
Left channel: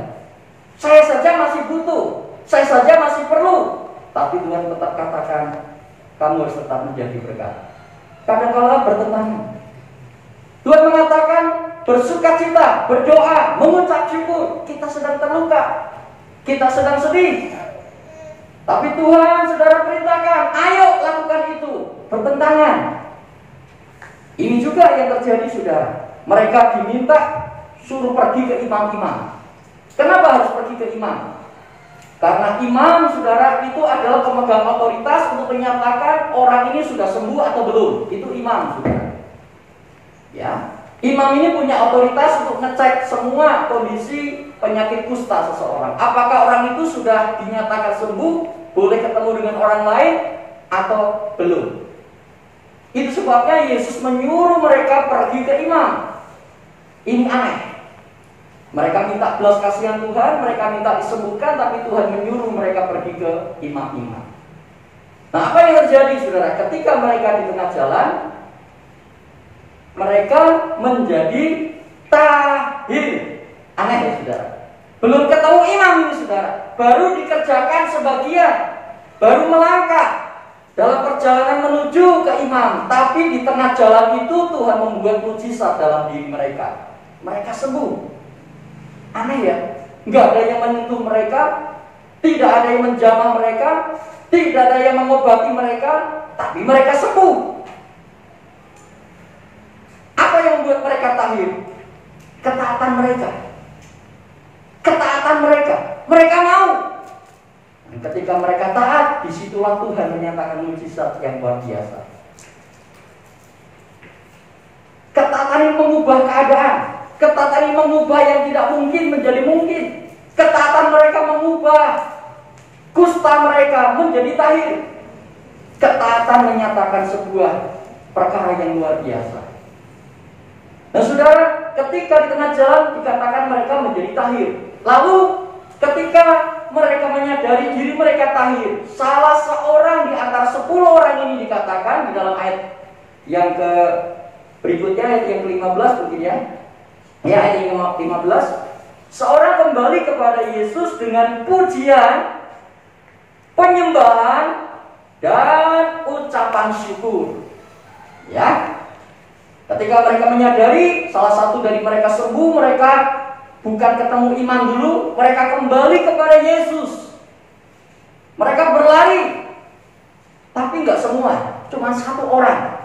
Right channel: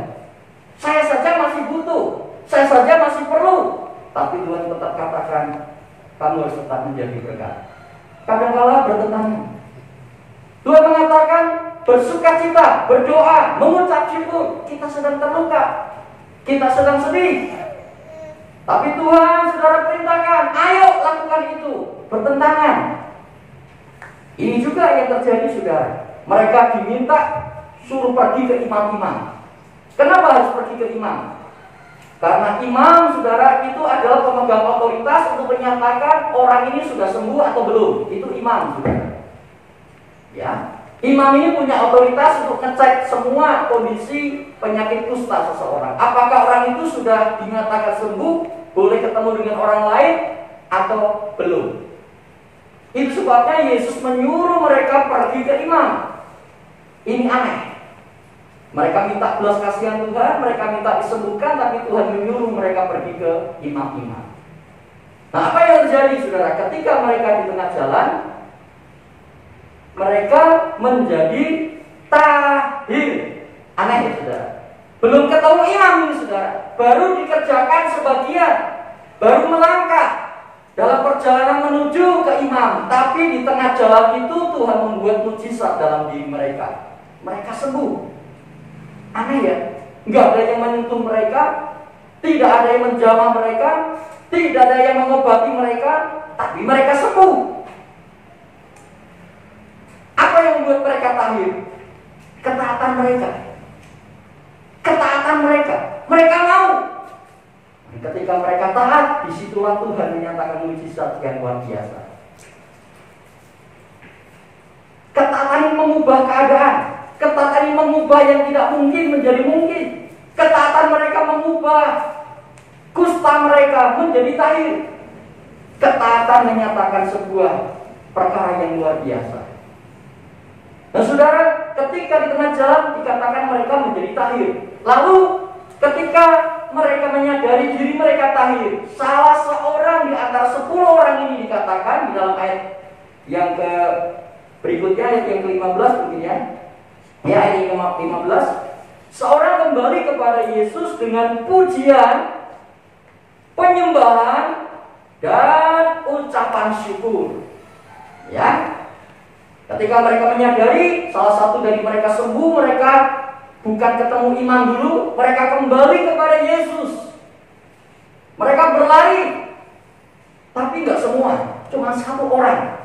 Saya saja masih butuh, saya saja masih perlu. Tapi Tuhan tetap katakan kamu harus tetap menjadi berkat. Kadang-kadang bertentangan. Tuhan mengatakan bersukacita, berdoa, mengucap syukur. Kita sedang terluka, kita sedang sedih, tapi Tuhan, saudara, perintahkan ayo lakukan itu. Bertentangan. Ini juga yang terjadi, saudara. Mereka diminta suruh pergi ke imam-imam. Kenapa harus pergi ke imam? Karena imam, saudara, itu adalah pemegang otoritas untuk menyatakan orang ini sudah sembuh atau belum. Itu imam, saudara. Ya, imam ini punya otoritas untuk ngecek semua kondisi penyakit kusta seseorang. Apakah orang itu sudah dinyatakan sembuh, boleh ketemu dengan orang lain, atau belum. Itu sebabnya Yesus menyuruh mereka pergi ke imam. Ini aneh. Mereka minta belas kasihan Tuhan, mereka minta disembuhkan, tapi Tuhan menyuruh mereka pergi ke imam-imam. Nah, apa yang terjadi, saudara? Ketika mereka di tengah jalan, mereka menjadi tahir. Aneh ya saudara. Belum ketemu imam ini saudara, baru dikerjakan sebagian, baru melangkah dalam perjalanan menuju ke imam. Tapi di tengah jalan itu Tuhan membuat mujizat dalam diri mereka. Mereka sembuh. Aneh ya, nggak ada yang menyentuh mereka, tidak ada yang menjamah mereka, tidak ada yang mengobati mereka, tapi mereka sembuh. Apa yang membuat mereka tahir? Ketaatan mereka. Ketaatan mereka. Mereka mau. Dan ketika mereka taat, disitulah Tuhan menyatakan mujizat yang luar biasa. Ketaatan ini mengubah keadaan. Ketaatan ini mengubah yang tidak mungkin menjadi mungkin. Ketaatan mereka mengubah kusta mereka menjadi tahir. Ketaatan menyatakan sebuah perkara yang luar biasa. Nah saudara, ketika di tengah jalan dikatakan mereka menjadi tahir. Lalu ketika mereka menyadari diri mereka tahir, salah seorang di antara 10 orang ini dikatakan di dalam ayat yang ke berikutnya, ayat yang ke-15 mungkin ya. Ya, ayat yang ke-15, seorang kembali kepada Yesus dengan pujian, penyembahan, dan ucapan syukur. Ya. Ketika mereka menyadari salah satu dari mereka sembuh, mereka bukan ketemu imam dulu, mereka kembali kepada Yesus. Mereka berlari, tapi nggak semua, cuma 1 orang.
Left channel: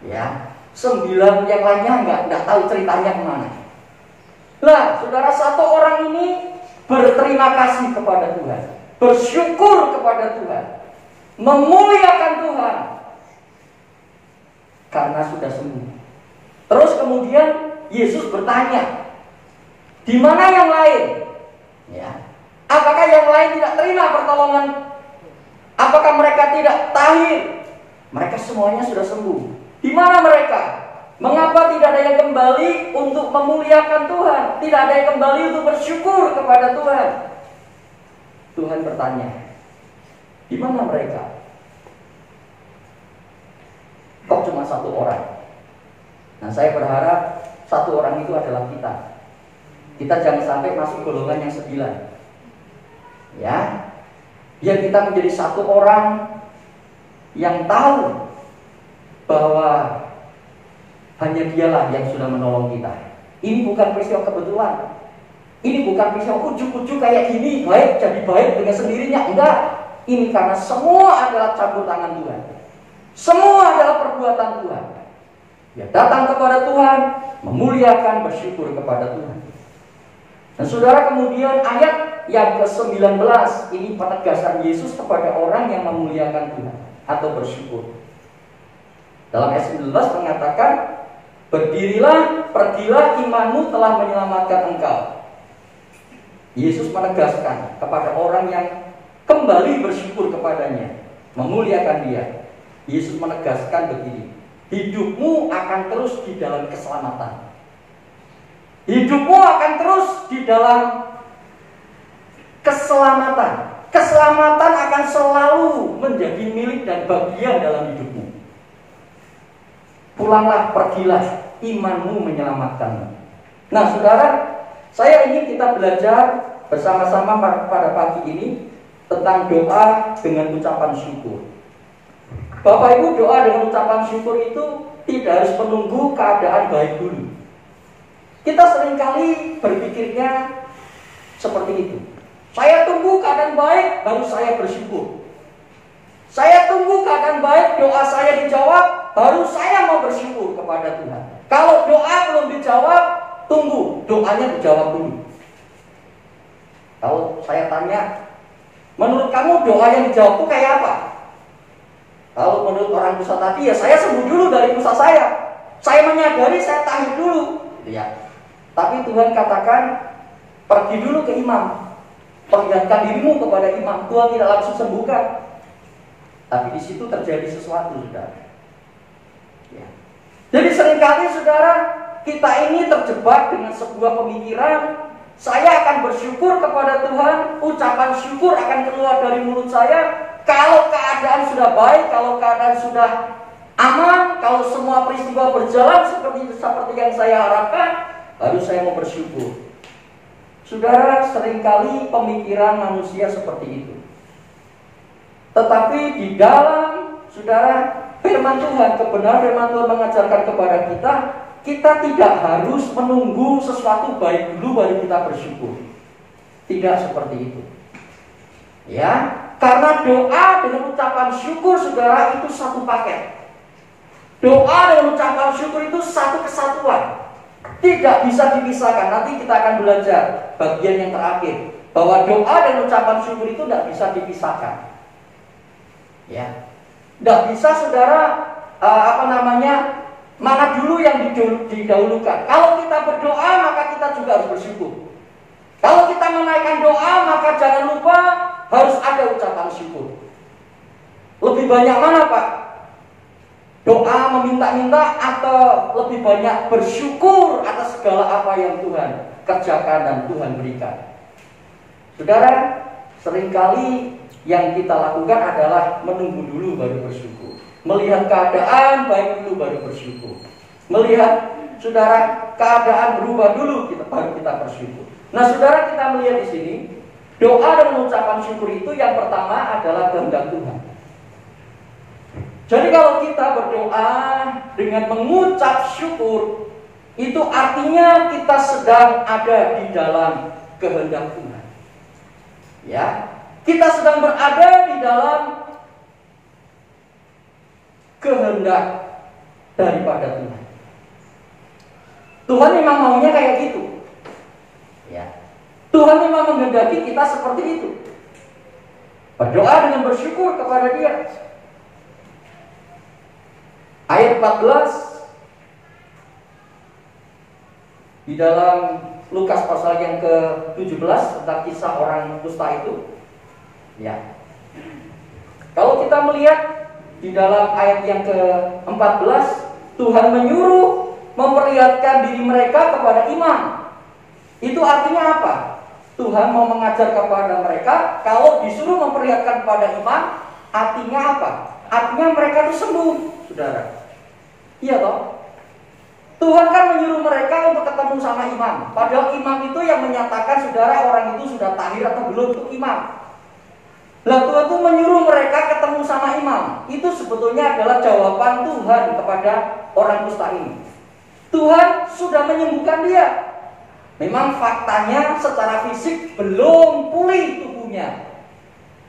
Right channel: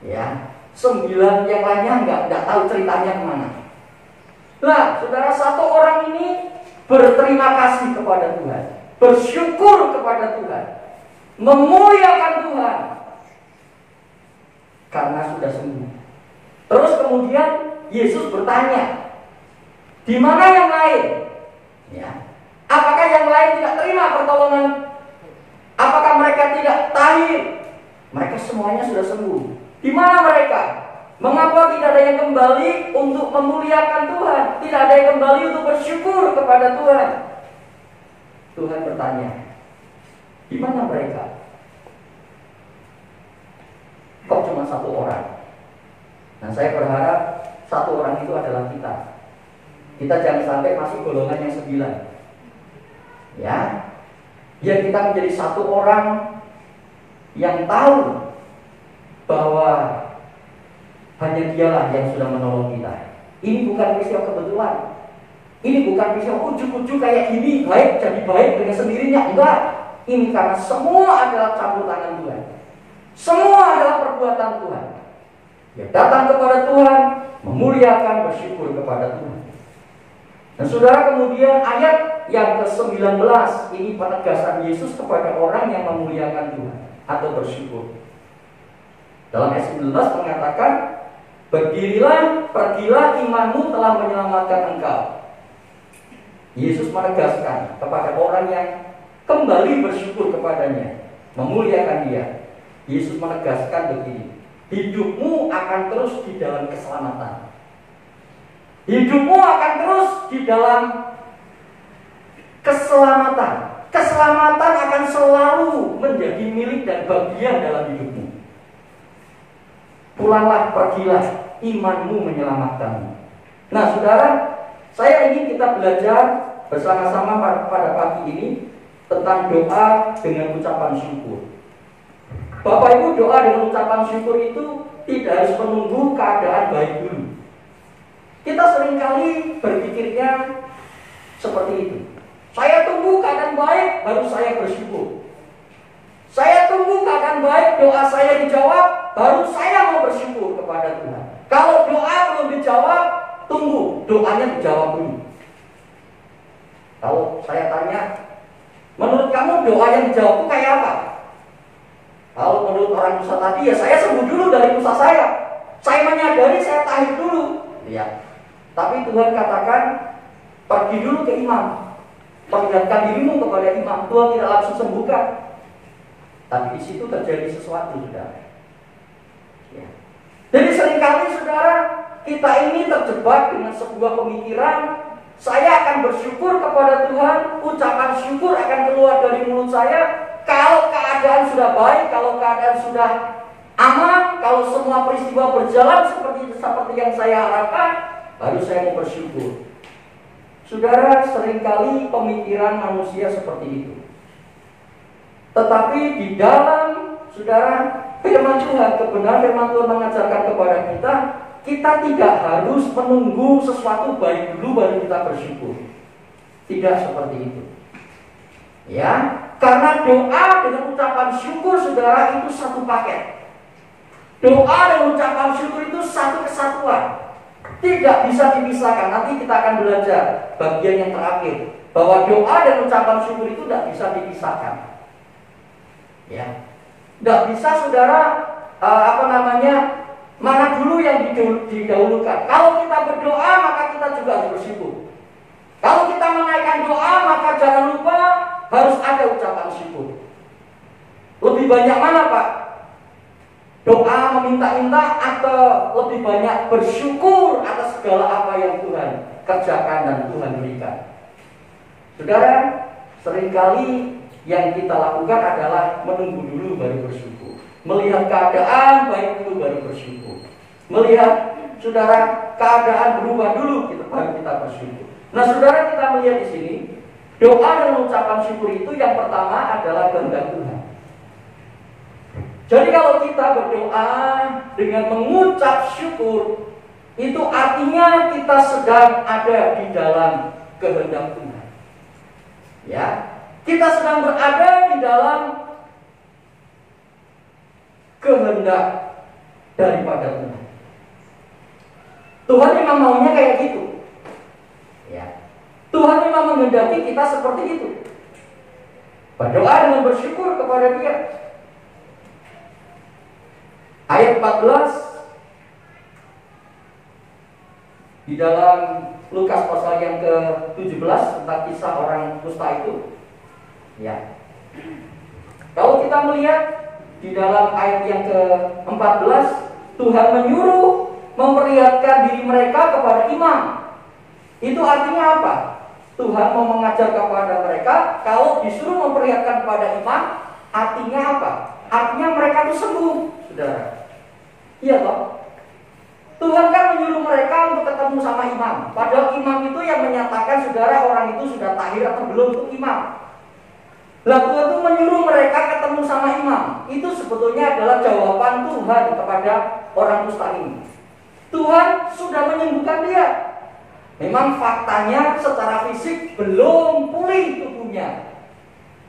Ya, 9 yang lainnya nggak tahu ceritanya kemana. Nah, saudara, 1 orang ini berterima kasih kepada Tuhan, bersyukur kepada Tuhan, memuliakan Tuhan karena sudah sembuh. Terus kemudian Yesus bertanya, di mana yang lain? Ya. Apakah yang lain tidak terima pertolongan? Apakah mereka tidak tahir? Mereka semuanya sudah sembuh. Di mana mereka? Mengapa tidak ada yang kembali untuk memuliakan Tuhan? Tidak ada yang kembali untuk bersyukur kepada Tuhan? Tuhan bertanya, di mana mereka? Kok cuma 1 orang? Nah, saya berharap 1 orang itu adalah kita. Kita jangan sampai masuk golongan yang 9. Ya, biar kita menjadi 1 orang yang tahu bahwa hanya Dialah yang sudah menolong kita. Ini bukan peristiwa kebetulan. Ini bukan peristiwa ujuk-ujuk kayak gini, baik jadi baik dengan sendirinya. Enggak. Ini karena semua adalah campur tangan Tuhan. Semua adalah perbuatan Tuhan. Ya, datang kepada Tuhan, memuliakan, bersyukur kepada Tuhan. Dan saudara, kemudian ayat yang ke-19 ini penegasan Yesus kepada orang yang memuliakan Tuhan atau bersyukur. Dalam ayat 19 mengatakan, berdirilah, pergilah, imanmu telah menyelamatkan engkau. Yesus menegaskan kepada orang yang kembali bersyukur kepadanya, memuliakan Dia. Yesus menegaskan begini, hidupmu akan terus di dalam keselamatan. Hidupmu akan terus di dalam keselamatan. Keselamatan akan selalu menjadi milik dan bagian dalam hidupmu. Pulanglah, pergilah, imanmu menyelamatkanmu. Nah saudara, saya ingin kita belajar bersama-sama pada pagi ini tentang doa dengan ucapan syukur. Bapak Ibu, doa dengan ucapan syukur itu tidak harus menunggu keadaan baik dulu. Kita seringkali berpikirnya seperti itu. Saya tunggu keadaan baik, baru saya bersyukur. Saya tunggu keadaan baik, doa saya dijawab, baru saya mau bersyukur kepada Tuhan. Kalau doa belum dijawab, tunggu doanya dijawab dulu. Kalau saya tanya, menurut kamu doa yang dijawab itu kayak apa? Kalau menurut orang Musa tadi, ya saya sembuh dulu dari Musa saya. Saya menyadari, saya tahir dulu. Ya. Tapi Tuhan katakan, pergi dulu ke imam, perlihatkan dirimu kepada imam. Tuhan tidak langsung sembuhkan. Tapi di situ terjadi sesuatu, saudara. Ya. Jadi seringkali, saudara, kita ini terjebak dengan sebuah pemikiran, saya akan bersyukur kepada Tuhan, ucapan syukur akan keluar dari mulut saya kalau keadaan sudah baik, kalau keadaan sudah aman, kalau semua peristiwa berjalan seperti yang saya harapkan, harus saya mau bersyukur. Saudara, seringkali pemikiran manusia seperti itu. Tetapi di dalam, saudara, firman Tuhan, kebenaran firman Tuhan mengajarkan kepada kita, kita tidak harus menunggu sesuatu baik dulu baru kita bersyukur. Tidak seperti itu. Ya, karena doa dengan ucapan syukur, saudara, itu satu paket. Doa dan ucapan syukur itu satu kesatuan. Tidak bisa dipisahkan. Nanti kita akan belajar bagian yang terakhir, bahwa doa dan ucapan syukur itu tidak bisa dipisahkan. Ya, tidak bisa, saudara, mana dulu yang didahulukan. Kalau kita berdoa, maka kita juga harus bersyukur. Kalau kita menaikkan doa, maka jangan lupa harus ada ucapan syukur. Lebih banyak mana, Pak? Doa meminta-minta atau lebih banyak bersyukur atas segala apa yang Tuhan kerjakan dan Tuhan berikan? Saudara, seringkali yang kita lakukan adalah menunggu dulu baru bersyukur. Melihat keadaan baik dulu baru bersyukur. Melihat, saudara, keadaan berubah dulu baru kita bersyukur. Nah, saudara, kita melihat di sini, doa dan ucapan syukur itu yang pertama adalah kehendak Tuhan. Jadi kalau kita berdoa dengan mengucap syukur, itu artinya kita sedang ada di dalam kehendak Tuhan. Ya, kita sedang berada di dalam kehendak daripada Tuhan. Tuhan memang maunya kayak gitu. Ya, Tuhan memang menghendaki kita seperti itu. Berdoa dengan bersyukur kepada Dia. Ayat 14 di dalam Lukas pasal yang ke-17 tentang kisah orang kusta itu. Ya. Kalau kita melihat di dalam ayat yang ke-14, Tuhan menyuruh memperlihatkan diri mereka kepada imam. Itu artinya apa? Tuhan mau mengajar kepada mereka, kalau disuruh memperlihatkan kepada imam, artinya apa? Artinya mereka itu sembuh, saudara. Iya toh? Tuhan kan menyuruh mereka untuk ketemu sama imam. Padahal imam itu yang menyatakan, saudara, orang itu sudah tahir atau belum, itu imam. Lah, Tuhan itu menyuruh mereka ketemu sama imam. Itu sebetulnya adalah jawaban Tuhan kepada orang kusta ini. Tuhan sudah menyembuhkan dia. Memang faktanya secara fisik belum pulih tubuhnya,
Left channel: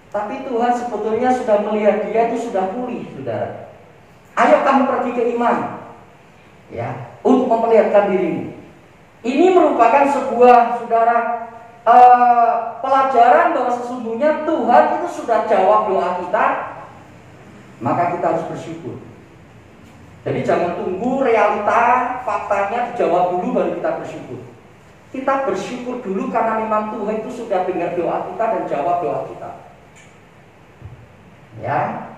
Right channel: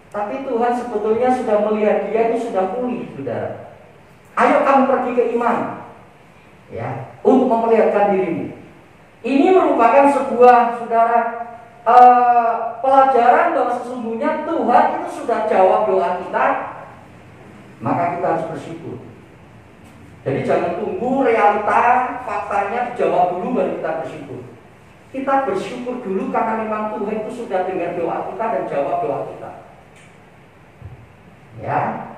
tapi Tuhan sebetulnya sudah melihat dia itu sudah pulih, saudara. Ayo kamu pergi ke imam, ya, untuk memperlihatkan dirimu. Ini merupakan sebuah, saudara, pelajaran bahwa sesungguhnya Tuhan itu sudah jawab doa kita, maka kita harus bersyukur. Jadi jangan tunggu realita, faktanya dijawab dulu baru kita bersyukur. Kita bersyukur dulu karena memang Tuhan itu sudah dengar doa kita dan jawab doa kita. Ya,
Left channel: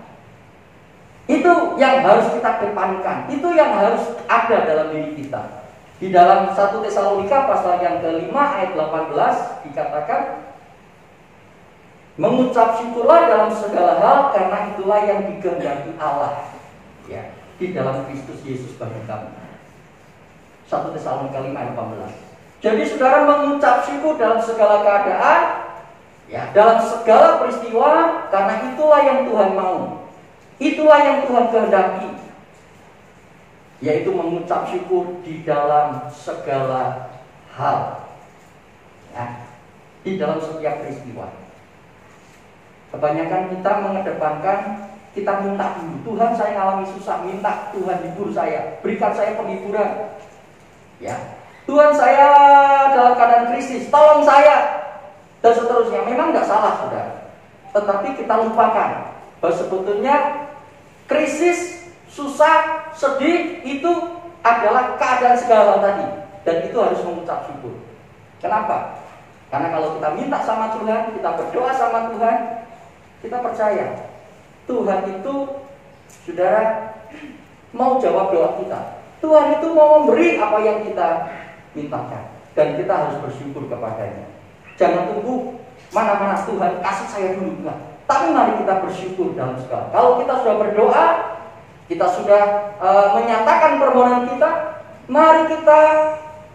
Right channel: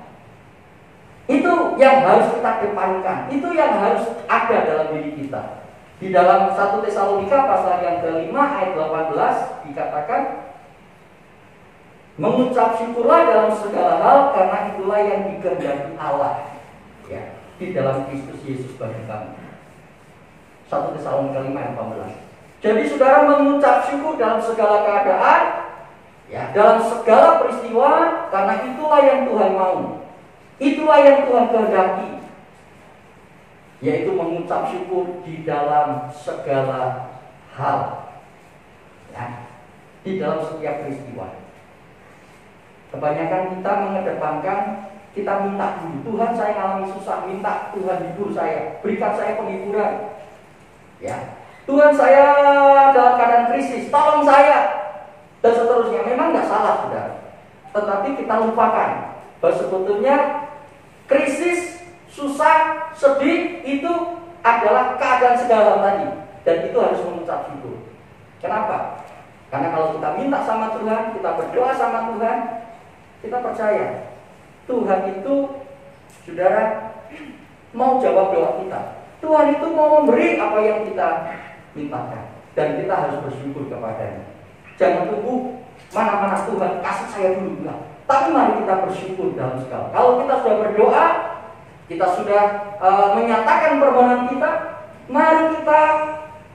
itu yang harus kita kedepankan, itu yang harus ada dalam diri kita. Di dalam 1 Tesalonika pasal yang ke-5 ayat 18 dikatakan, mengucap syukurlah dalam segala hal karena itulah yang dikehendaki Allah, ya, di dalam Kristus Yesus bagi kami. 1 Tesalonika 5 ayat 18. Jadi saudara mengucap syukur dalam segala keadaan, ya, dalam segala peristiwa, karena itulah yang Tuhan mau. Itulah yang Tuhan kehendaki, yaitu mengucap syukur di dalam segala hal, ya, di dalam setiap peristiwa. Kebanyakan kita mengedepankan, kita minta dulu, Tuhan saya alami susah, minta Tuhan hibur saya, berikan saya penghiburan, ya, Tuhan saya dalam keadaan krisis, tolong saya, dan seterusnya. Memang tidak salah, saudara, tetapi kita lupakan bahwa sebetulnya krisis, susah, sedih itu adalah keadaan segala tadi, dan itu harus mengucap syukur. Kenapa? Karena kalau kita minta sama Tuhan, kita berdoa sama Tuhan, kita percaya Tuhan itu, saudara, mau jawab doa kita. Tuhan itu mau memberi apa yang kita mintakan, dan kita harus bersyukur kepadanya. Jangan tunggu mana-mana Tuhan kasih saya dulu, enggak. Tapi mari kita bersyukur dalam segala. Kalau kita sudah berdoa, kita sudah menyatakan permohonan kita, mari kita,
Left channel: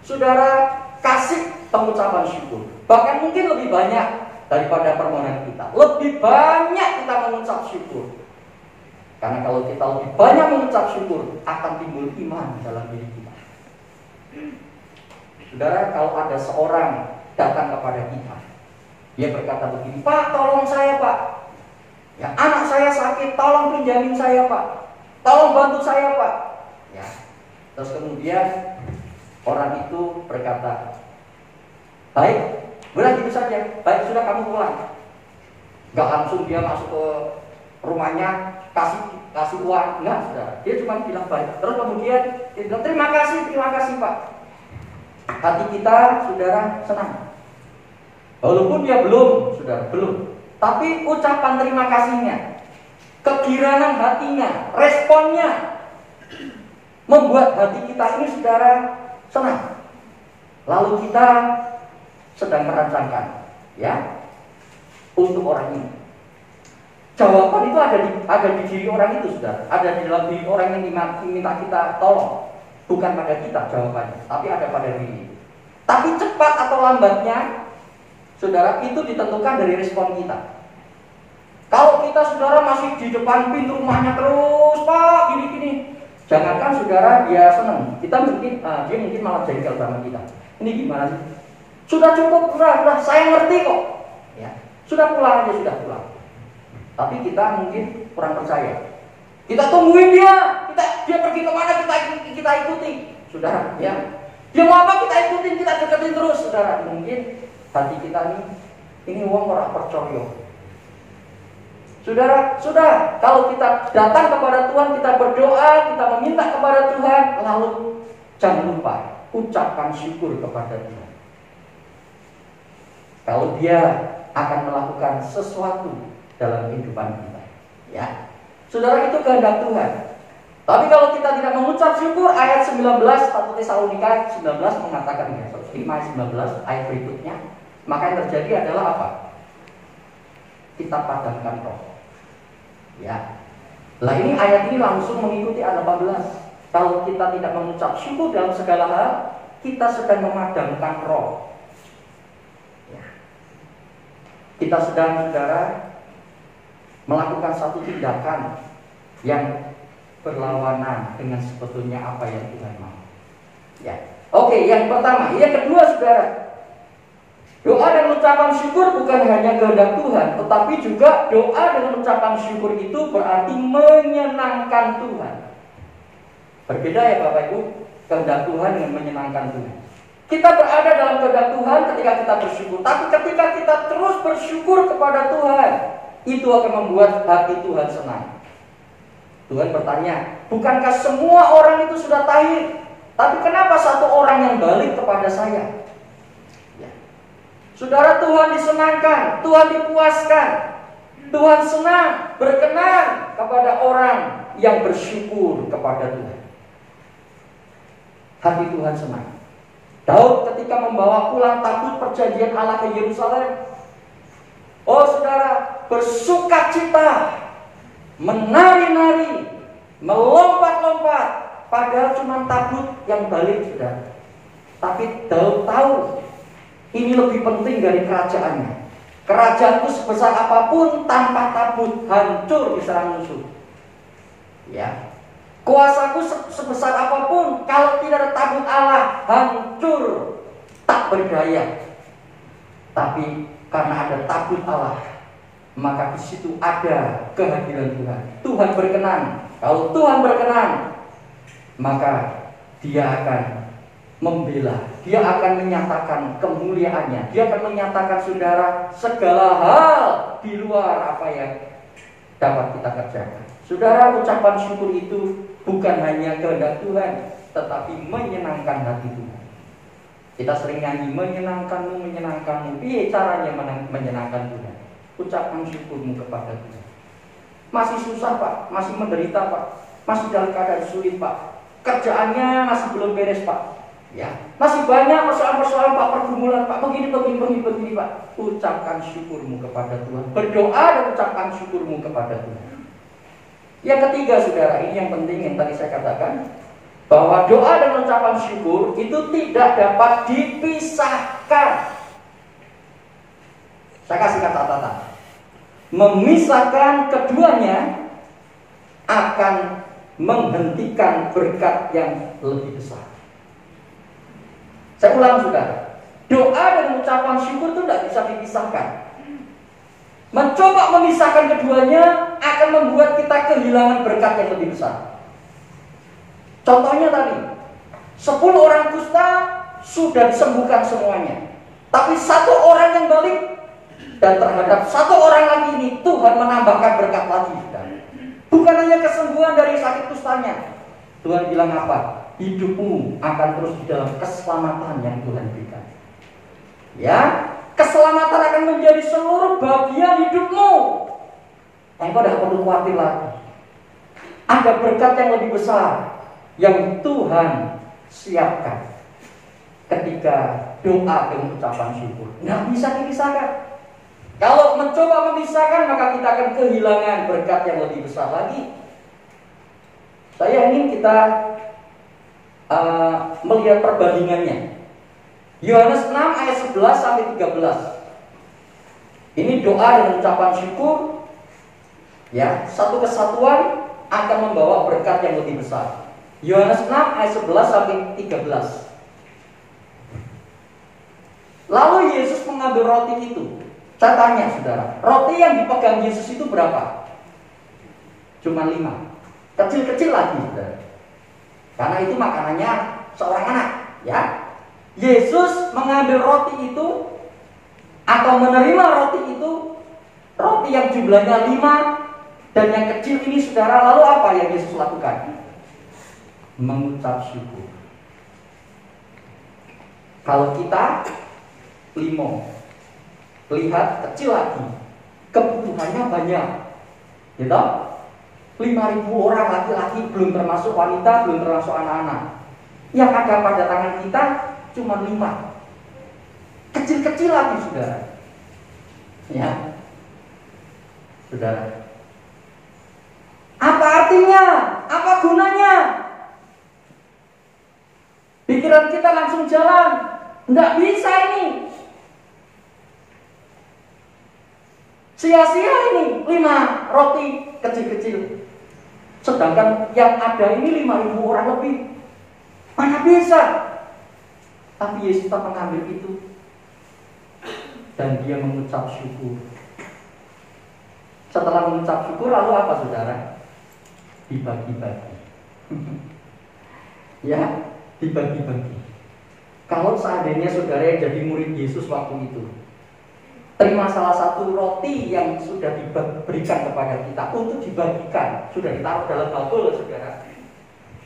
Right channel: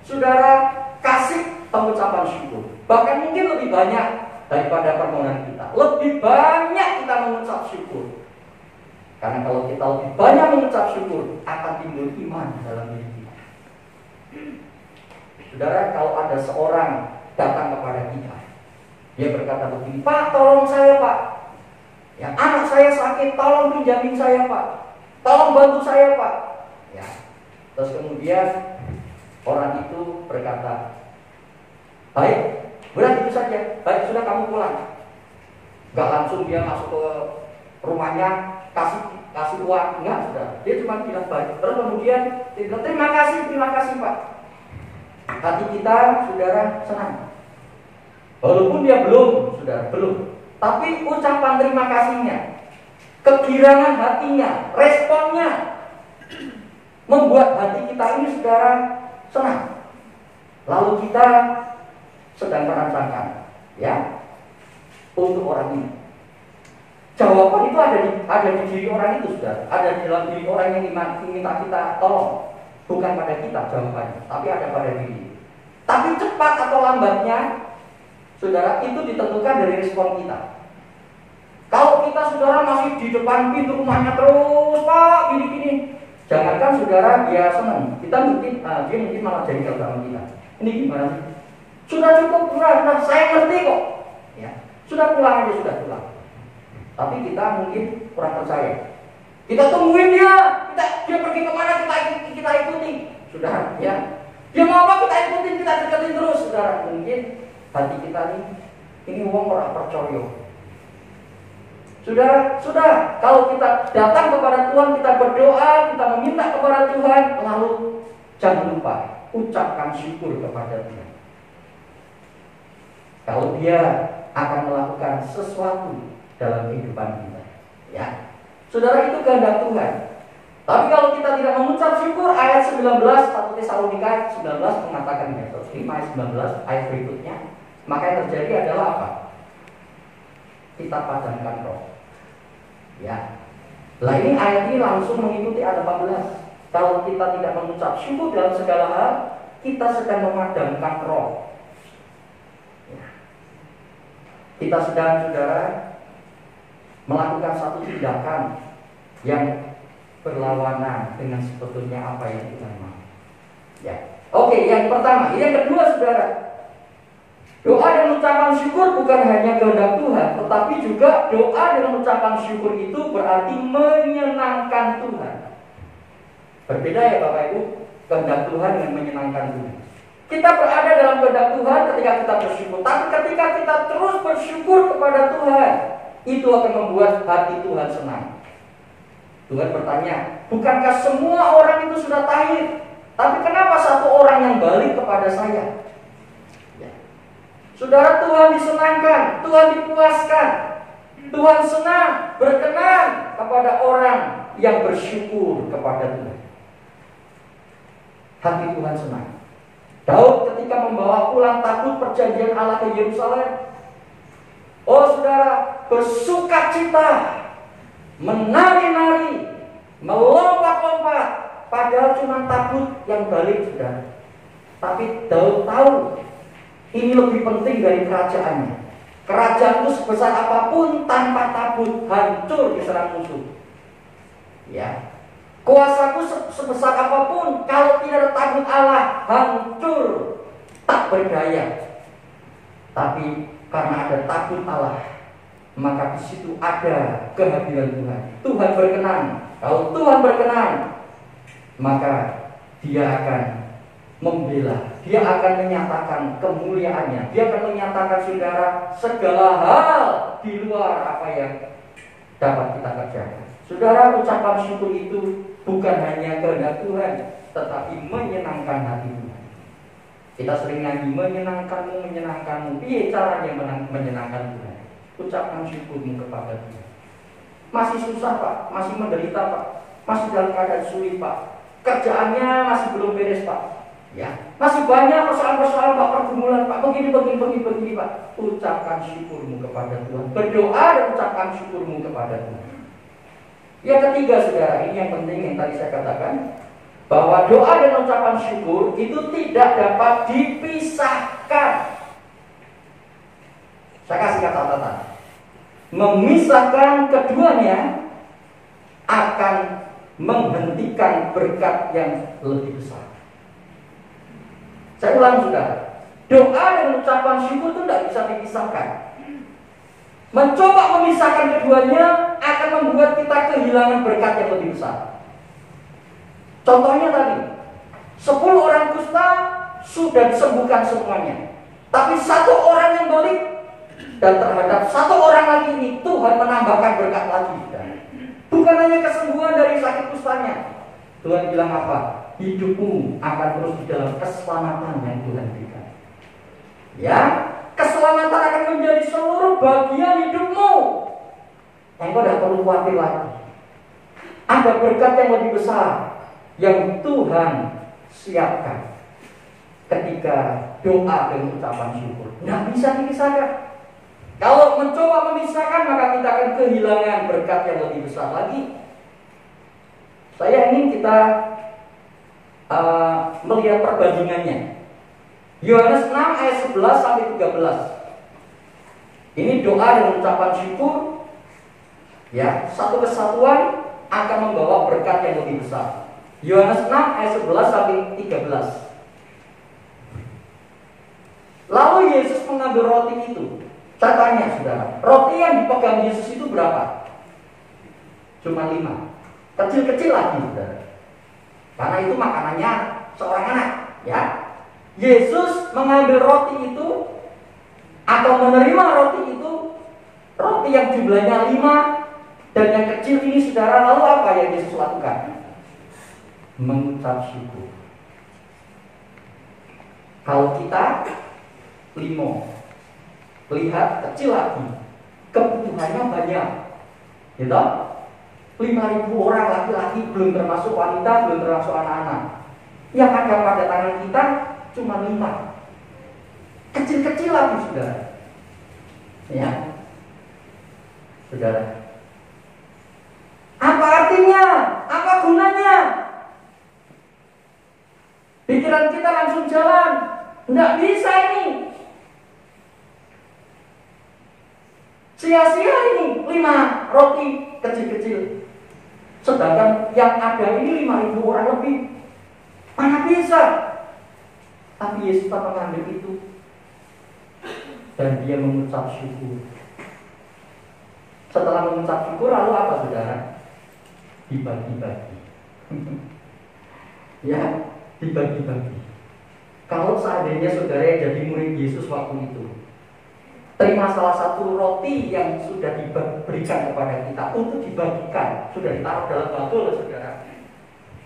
saudara, kasih pengucapan syukur. Bahkan mungkin lebih banyak daripada permohonan kita. Lebih banyak kita mengucap syukur. Karena kalau kita lebih banyak mengucap syukur, akan timbul iman dalam diri kita. Saudara, kalau ada seorang datang kepada kita, dia berkata begini, "Pak, tolong saya, Pak. Ya, anak saya sakit, tolong pinjamin saya, Pak. Tolong bantu saya, Pak." Ya. Terus kemudian orang itu berkata, "Baik, berarti itu saja. Baik, sudah kamu pulang." Gak langsung dia masuk ke rumahnya, kasih uang, enggak, sudah. Dia cuma bilang baik. Terus kemudian dia bilang, terima kasih, Pak." Hati kita, saudara, senang. Walaupun dia belum, saudara, belum. Tapi ucapan terima kasihnya, kegirangan hatinya, responnya membuat hati kita ini, saudara, senang. Lalu kita sedang merancangkan, ya, untuk orang ini. Jawaban itu ada di diri orang itu, saudara. Ada di dalam diri orang yang minta kita tolong. Bukan pada kita jawabannya, tapi ada pada diri. Tapi cepat atau lambatnya, saudara, itu ditentukan dari respon kita. Kalau kita, saudara, masih di depan pintu rumahnya terus, "Pak, gini-gini," jangankan, saudara, dia senang. Dia mungkin malah jengkel sama kita. "Ini gimana sih? Sudah cukup, sudah, saya ngerti kok. Ya, sudah pulang aja, sudah pulang." Tapi kita mungkin kurang percaya. Kita tungguin dia pergi kemana, kita ikuti. Saudara, ya, dia mau apa kita ikutin, kita deketin terus, saudara. Mungkin hati kita ini wong ora percaya. Saudara, sudah, kalau kita datang kepada Tuhan, kita berdoa, kita meminta kepada Tuhan, lalu jangan lupa ucapkan syukur kepada Tuhan. Kalau dia akan melakukan sesuatu dalam kehidupan kita, ya, saudara, itu kehendak Tuhan. Tapi kalau kita tidak mengucap syukur, ayat 19 1 Tesalonika 19 mengatakan, ya, 5 ayat 19 ayat berikutnya, maka yang terjadi adalah apa? Kita padamkan roh. Ya. Lah ini ayat ini langsung mengikuti ayat 18. Kalau kita tidak mengucap syukur dalam segala hal, kita sedang memadamkan roh. Ya. Kita sedang, saudara, melakukan satu tindakan yang berlawanan dengan sebetulnya apa yang Tuhan mau. Ya. Oke, yang pertama. Yang kedua, saudara, doa dan ucapan syukur bukan hanya kehendak Tuhan, tetapi juga doa dengan ucapan syukur itu berarti menyenangkan Tuhan. Berbeda ya Bapak Ibu, kehendak Tuhan dengan menyenangkan Tuhan. Kita berada dalam kehendak Tuhan ketika kita bersyukur, tapi ketika kita terus bersyukur kepada Tuhan, itu akan membuat hati Tuhan senang. Tuhan bertanya, bukankah semua orang itu sudah tahir? Tapi kenapa satu orang yang balik kepada saya? Ya. Saudara, Tuhan disenangkan, Tuhan dipuaskan, Tuhan senang, berkenan kepada orang yang bersyukur kepada Tuhan. Hati Tuhan senang. Daud ketika membawa pulang tabut perjanjian Allah ke Yerusalem, oh saudara, bersukacita, menari-nari, melompat-lompat, padahal cuma tabut yang balik, saudara. Tapi Daud tahu ini lebih penting dari kerajaannya. Kerajaan itu sebesar apapun tanpa tabut hancur diserang musuh. Ya. Kuasaku sebesar apapun kalau tidak ada tabut Allah hancur, tak berdaya. Tapi karena ada tabut Allah, maka di situ ada kehadiran Tuhan. Tuhan berkenan. Kalau Tuhan berkenan, maka Dia akan membela, Dia akan menyatakan kemuliaannya, Dia akan menyatakan, saudara, segala hal di luar apa yang dapat kita kerjakan. Saudara, ucapan syukur itu bukan hanya kehendak Tuhan, tetapi menyenangkan hati Tuhan. Kita sering nyanyi, menyenangkanmu, menyenangkanmu. Piye caranya menyenangkan Tuhan? Ucapkan syukurmu kepada Tuhan. Masih susah Pak, masih menderita Pak, masih dalam keadaan sulit Pak, kerjaannya masih belum beres Pak, ya, masih banyak persoalan-persoalan Pak, pergumulan Pak, begini Pak. Ucapkan syukurmu kepada Tuhan. Berdoa dan ucapkan syukurmu kepada Tuhan. Yang ketiga, saudara, ini yang penting yang tadi saya katakan, bahwa doa dan ucapan syukur itu tidak dapat dipisahkan. Saya kasih catatan. Memisahkan keduanya akan menghentikan berkat yang lebih besar. Saya ulang, saudara. Doa dan ucapan syukur itu tidak bisa dipisahkan. Mencoba memisahkan keduanya akan membuat kita kehilangan berkat yang lebih besar. Contohnya tadi, 10 orang kusta sudah disembuhkan semuanya, tapi 1 orang yang balik, dan terhadap 1 orang lagi ini Tuhan menambahkan berkat lagi. Bukan hanya kesembuhan dari sakit kustanya, Tuhan bilang apa? Hidupmu akan terus di dalam keselamatan yang Tuhan berikan. Ya, keselamatan akan menjadi seluruh bagian hidupmu. Engkau tidak perlu khawatir lagi. Ada berkat yang lebih besar yang Tuhan siapkan ketika doa dan ucapan syukur. Nggak bisa dipisahkan. Kalau mencoba memisahkan, maka kita akan kehilangan berkat yang lebih besar lagi. Saya ingin kita melihat perbandingannya. Yohanes 6 ayat 11 sampai 13. Ini doa dan ucapan syukur. Ya, satu kesatuan akan membawa berkat yang lebih besar. Yohanes 6 ayat 11 sampai 13. Lalu Yesus mengambil roti itu. Saya tanya, saudara, roti yang dipegang Yesus itu berapa? Cuma 5. Kecil-kecil lagi, saudara. Karena itu makanannya seorang anak, ya. Yesus mengambil roti itu atau menerima roti itu, roti yang jumlahnya 5 dan yang kecil ini, saudara, lalu apa yang Yesus lakukan? Mengucap syukur. Kalau kita 5, lihat kecil lagi, kebutuhannya banyak, gitu. 5.000 orang laki-laki, belum termasuk wanita, belum termasuk anak-anak. Yang ada pada tangan kita cuma 5. Kecil-kecil lagi, saudara. Ya, saudara. Apa artinya? Apa gunanya? Pikiran kita langsung jalan. Nggak bisa ini. Sia-sia ini 5 roti kecil-kecil. Sedangkan yang ada ini 5.000 orang lebih. Mana bisa? Tapi Yesus tak mengambil itu. Dan dia mengucap syukur. Setelah mengucap syukur, lalu apa, saudara? Dibagi-bagi. Ya, dibagi-bagi. Kalau seandainya saudara yang jadi murid Yesus waktu itu, terima salah satu roti yang sudah diberikan kepada kita untuk dibagikan, sudah ditaruh dalam bakul, saudara.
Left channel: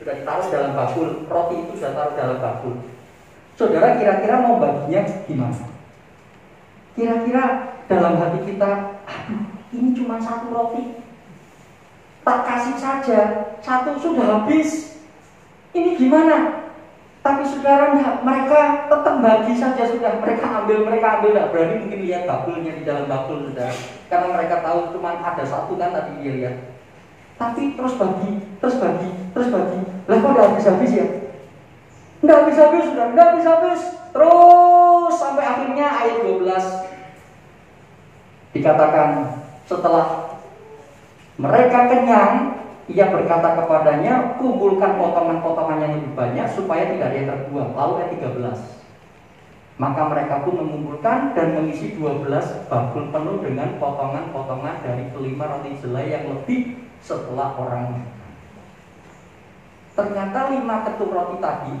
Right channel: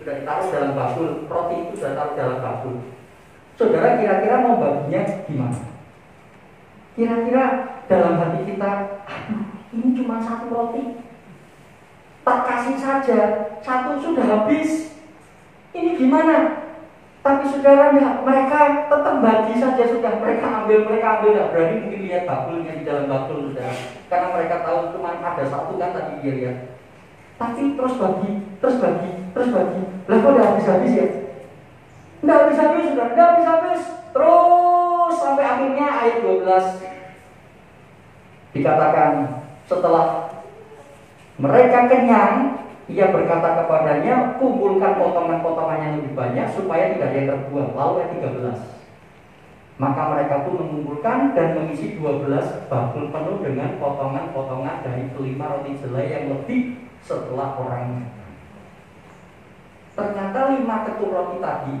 Sudah ditaruh dalam bakul, roti itu sudah taruh dalam bakul. Saudara kira-kira mau baginya gimana? Kira-kira dalam hati kita, ini cuma 1 roti, tak kasih saja, 1 sudah habis. Ini gimana? Tapi saudara, mereka tetap bagi saja, sudah mereka ambil, nggak berani mungkin lihat bakulnya di dalam bakul, saudara. Karena mereka tahu cuma ada 1 kan tadi dia lihat. Tapi terus bagi. Lah kok udah habis-habis ya? Nggak habis-habis, saudara, nggak habis-habis. Terus sampai akhirnya ayat 12 dikatakan, setelah mereka kenyang, ia berkata kepadanya, kumpulkan potongan-potongan yang lebih banyak supaya tidak ada yang terbuang. Lalu ayat 13. Maka mereka pun mengumpulkan dan mengisi 12 bakul penuh dengan potongan-potongan dari kelima roti jelai yang lebih setelah orang. Ternyata 5 ketuk roti tadi,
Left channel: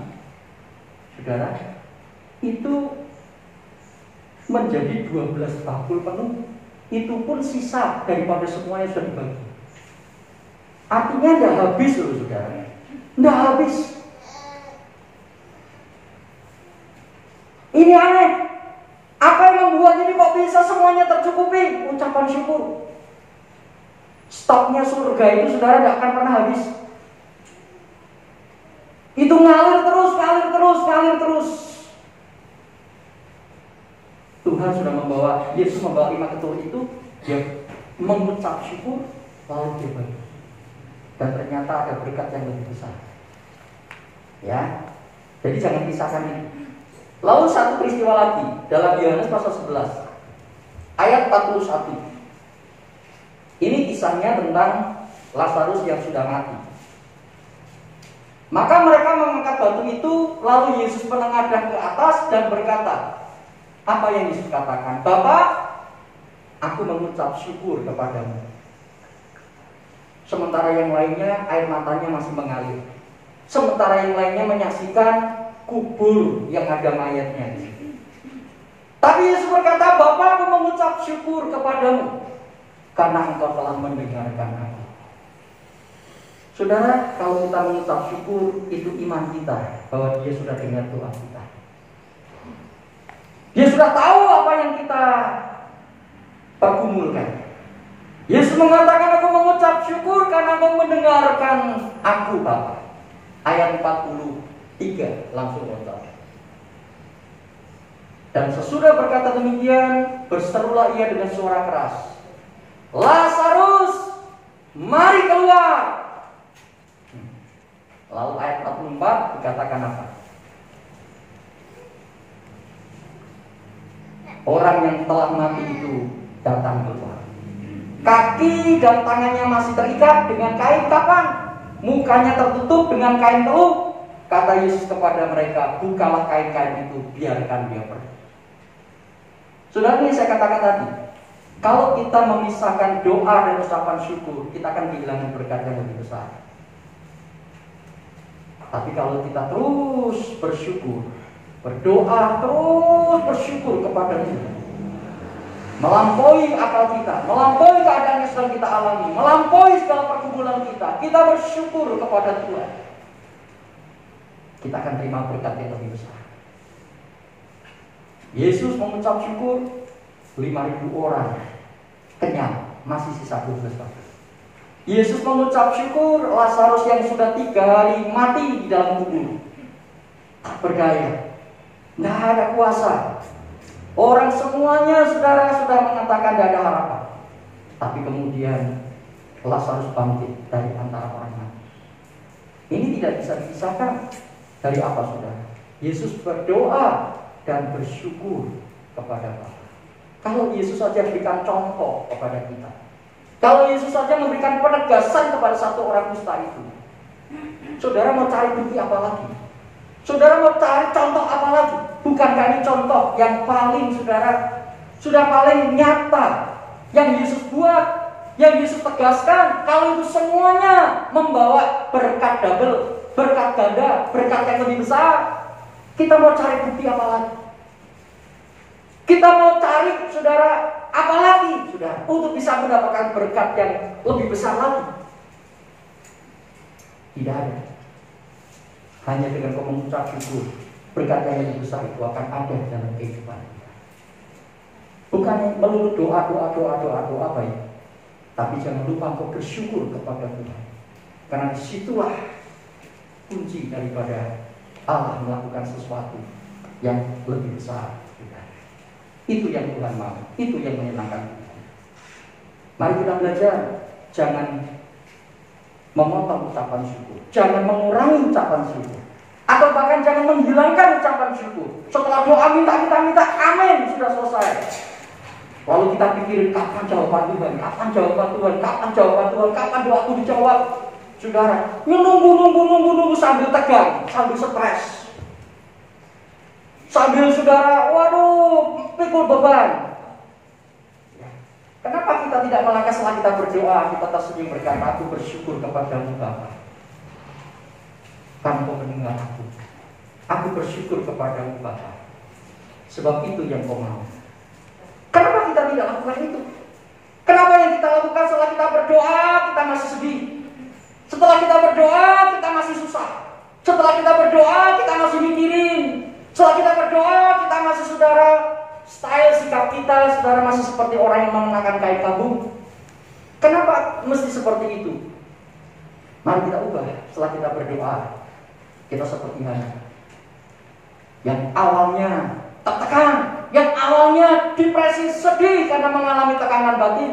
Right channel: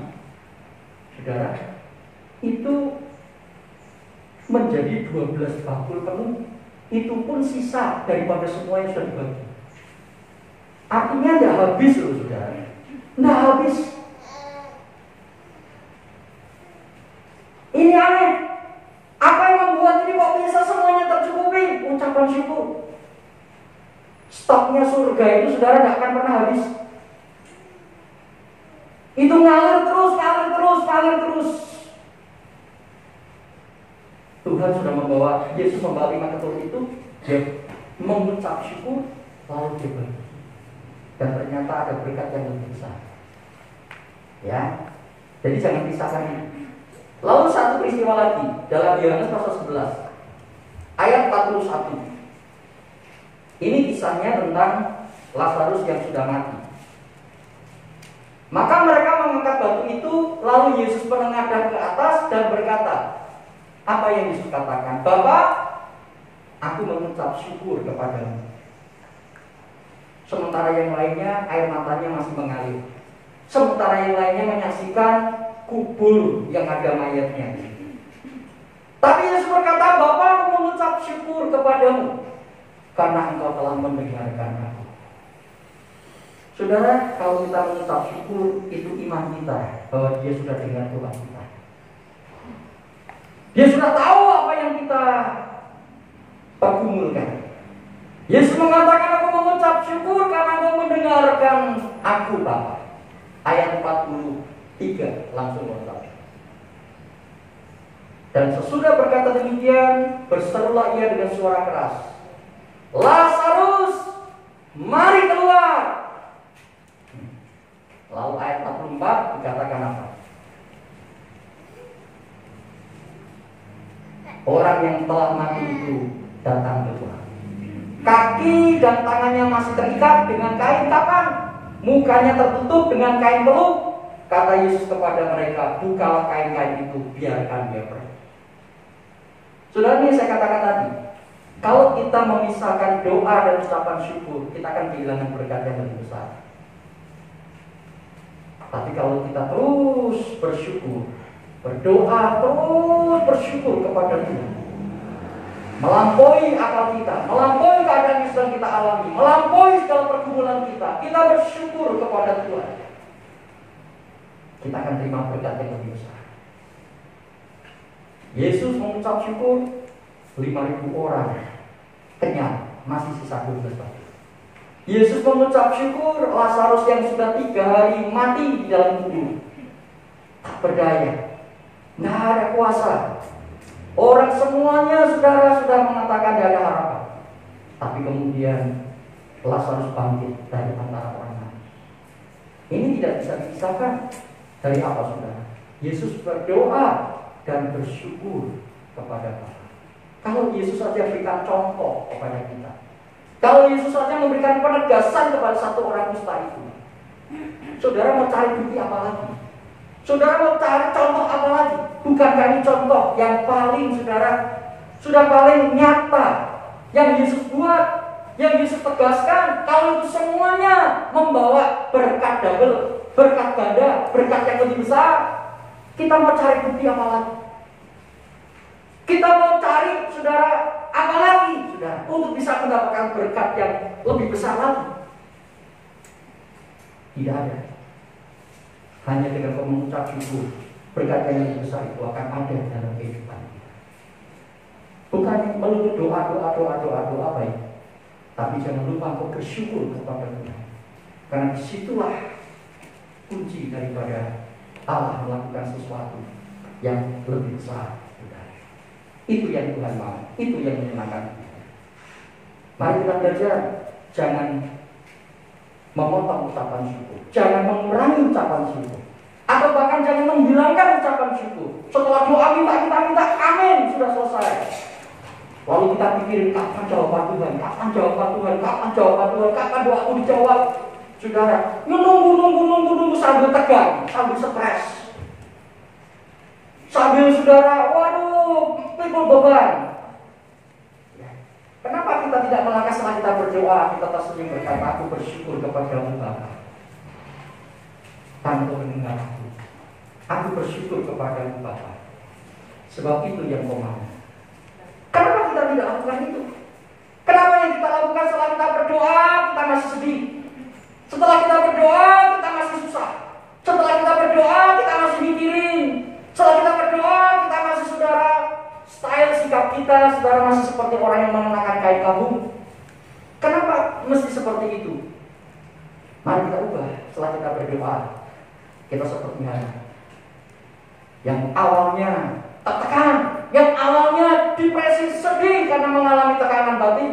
saudara, itu menjadi 12 bakul penuh. Itu pun sisa daripada semua yang sudah dibagi. Artinya tidak habis loh, saudara. Tidak habis. Ini aneh. Apa yang membuat ini kok bisa semuanya tercukupi? Ucapan syukur. Stoknya surga itu, saudara, tidak akan pernah habis. Itu ngalir terus. Tuhan sudah membawa, Yesus membawa 5 ketul itu, dia mengucap syukur, lalu dia bagi. dan ternyata ada berkat yang lebih besar. Ya, jadi jangan pisahkan ini. Lalu satu peristiwa lagi dalam Yohanes pasal 11 ayat 41. Ini kisahnya tentang Lazarus yang sudah mati. Maka mereka mengangkat batu itu, lalu Yesus menengadah ke atas dan berkata, apa yang Yesus katakan? Bapa, aku mengucap syukur kepadamu. Sementara yang lainnya air matanya masih mengalir. Sementara yang lainnya menyaksikan kubur yang ada mayatnya. Tapi Yesus berkata, Bapa, aku mengucap syukur kepadamu karena engkau telah mendengarkan aku. Saudara, kalau kita mengucap syukur, itu iman kita bahwa Dia sudah dengar doa kita. Dia sudah tahu apa yang kita pergumulkan. Yesus mengatakan, aku mengucap syukur karena engkau mendengarkan aku, Bapa. Ayat 43 langsung mengucap. Dan sesudah berkata demikian, berserulah ia dengan suara keras, Lazarus, mari keluar. Lalu ayat 44 dikatakan apa? Orang yang telah mati itu datang keluar. Kaki dan tangannya masih terikat dengan kain kapan? Mukanya tertutup dengan kain peluk. Kata Yesus kepada mereka, bukalah kain-kain itu, biarkan dia pergi. Saudara, ini saya katakan tadi, kalau kita memisahkan doa dan ucapan syukur, kita akan kehilangan berkat yang lebih besar. Tapi kalau kita terus bersyukur, berdoa, terus bersyukur kepada Tuhan, melampaui akal kita, melampaui keadaan yang sedang kita alami, melampaui segala pergumulan kita, kita bersyukur kepada Tuhan, kita akan terima berkat yang lebih besar. Yesus mengucap syukur, 5.000 orang kenyang, masih sisa 12 batu. Yesus mengucap syukur, Lazarus yang sudah 3 hari mati di dalam kubur, tak berdaya, tidak ada kuasa. Orang semuanya saudara sudah mengatakan tidak ada harapan. Tapi kemudian Lazarus bangkit dari antara orang mati. Ini tidak bisa dipisahkan dari apa, saudara? Yesus berdoa dan bersyukur kepada Bapa. Kalau Yesus saja memberikan contoh kepada kita, kalau Yesus saja memberikan penegasan kepada satu orang kusta itu, saudara mau cari bukti apa lagi? Saudara mau cari contoh apa lagi? Bukankah ini contoh yang paling, saudara, sudah paling nyata yang Yesus buat, yang Yesus tegaskan? Kalau itu semuanya membawa berkat double, berkat ganda, berkat yang lebih besar, kita mau cari bukti apa lagi? Kita mau cari, saudara, apa lagi, saudara, untuk bisa mendapatkan berkat yang lebih besar lagi? Tidak ada. Hanya dengan mengucap syukur, berkat yang lebih besar itu akan ada dalam kehidupan kita. Bukan melulu doa baik, tapi jangan lupa kau bersyukur kepada Tuhan. Karena disitulah kunci daripada Allah melakukan sesuatu yang lebih besar. Itu yang Tuhan mau, itu yang menyenangkan kita. Mari kita belajar, jangan memotong ucapan syukur, jangan mengurangi ucapan syukur, atau bahkan jangan menghilangkan ucapan syukur. Setelah doa minta, amin, sudah selesai. Lalu kita pikirin kapan jawaban Tuhan, kapan doaku dijawab. Saudara, nunggu sambil tegang, sambil stres. Sambil saudara, waduh, pikul beban. Ya. Kenapa kita tidak melangkah setelah kita berdoa, kita tersenyum berkata, aku bersyukur kepada-Mu Bapa, karena Kau mendengar aku. Aku bersyukur kepada-Mu Bapa, sebab itu yang Kau mau. Kenapa kita tidak lakukan itu? Kenapa yang kita lakukan setelah kita berdoa, kita masih sedih? Setelah kita berdoa, kita masih susah. Setelah kita berdoa, kita masih mikirin. Setelah kita berdoa, kita masih, saudara, style sikap kita, saudara, masih seperti orang yang mengenakan kain kabung. Kenapa mesti seperti itu? Mari kita ubah. Setelah kita berdoa, kita seperti mana? Yang awalnya tertekan, yang awalnya depresi, sedih karena mengalami tekanan batin.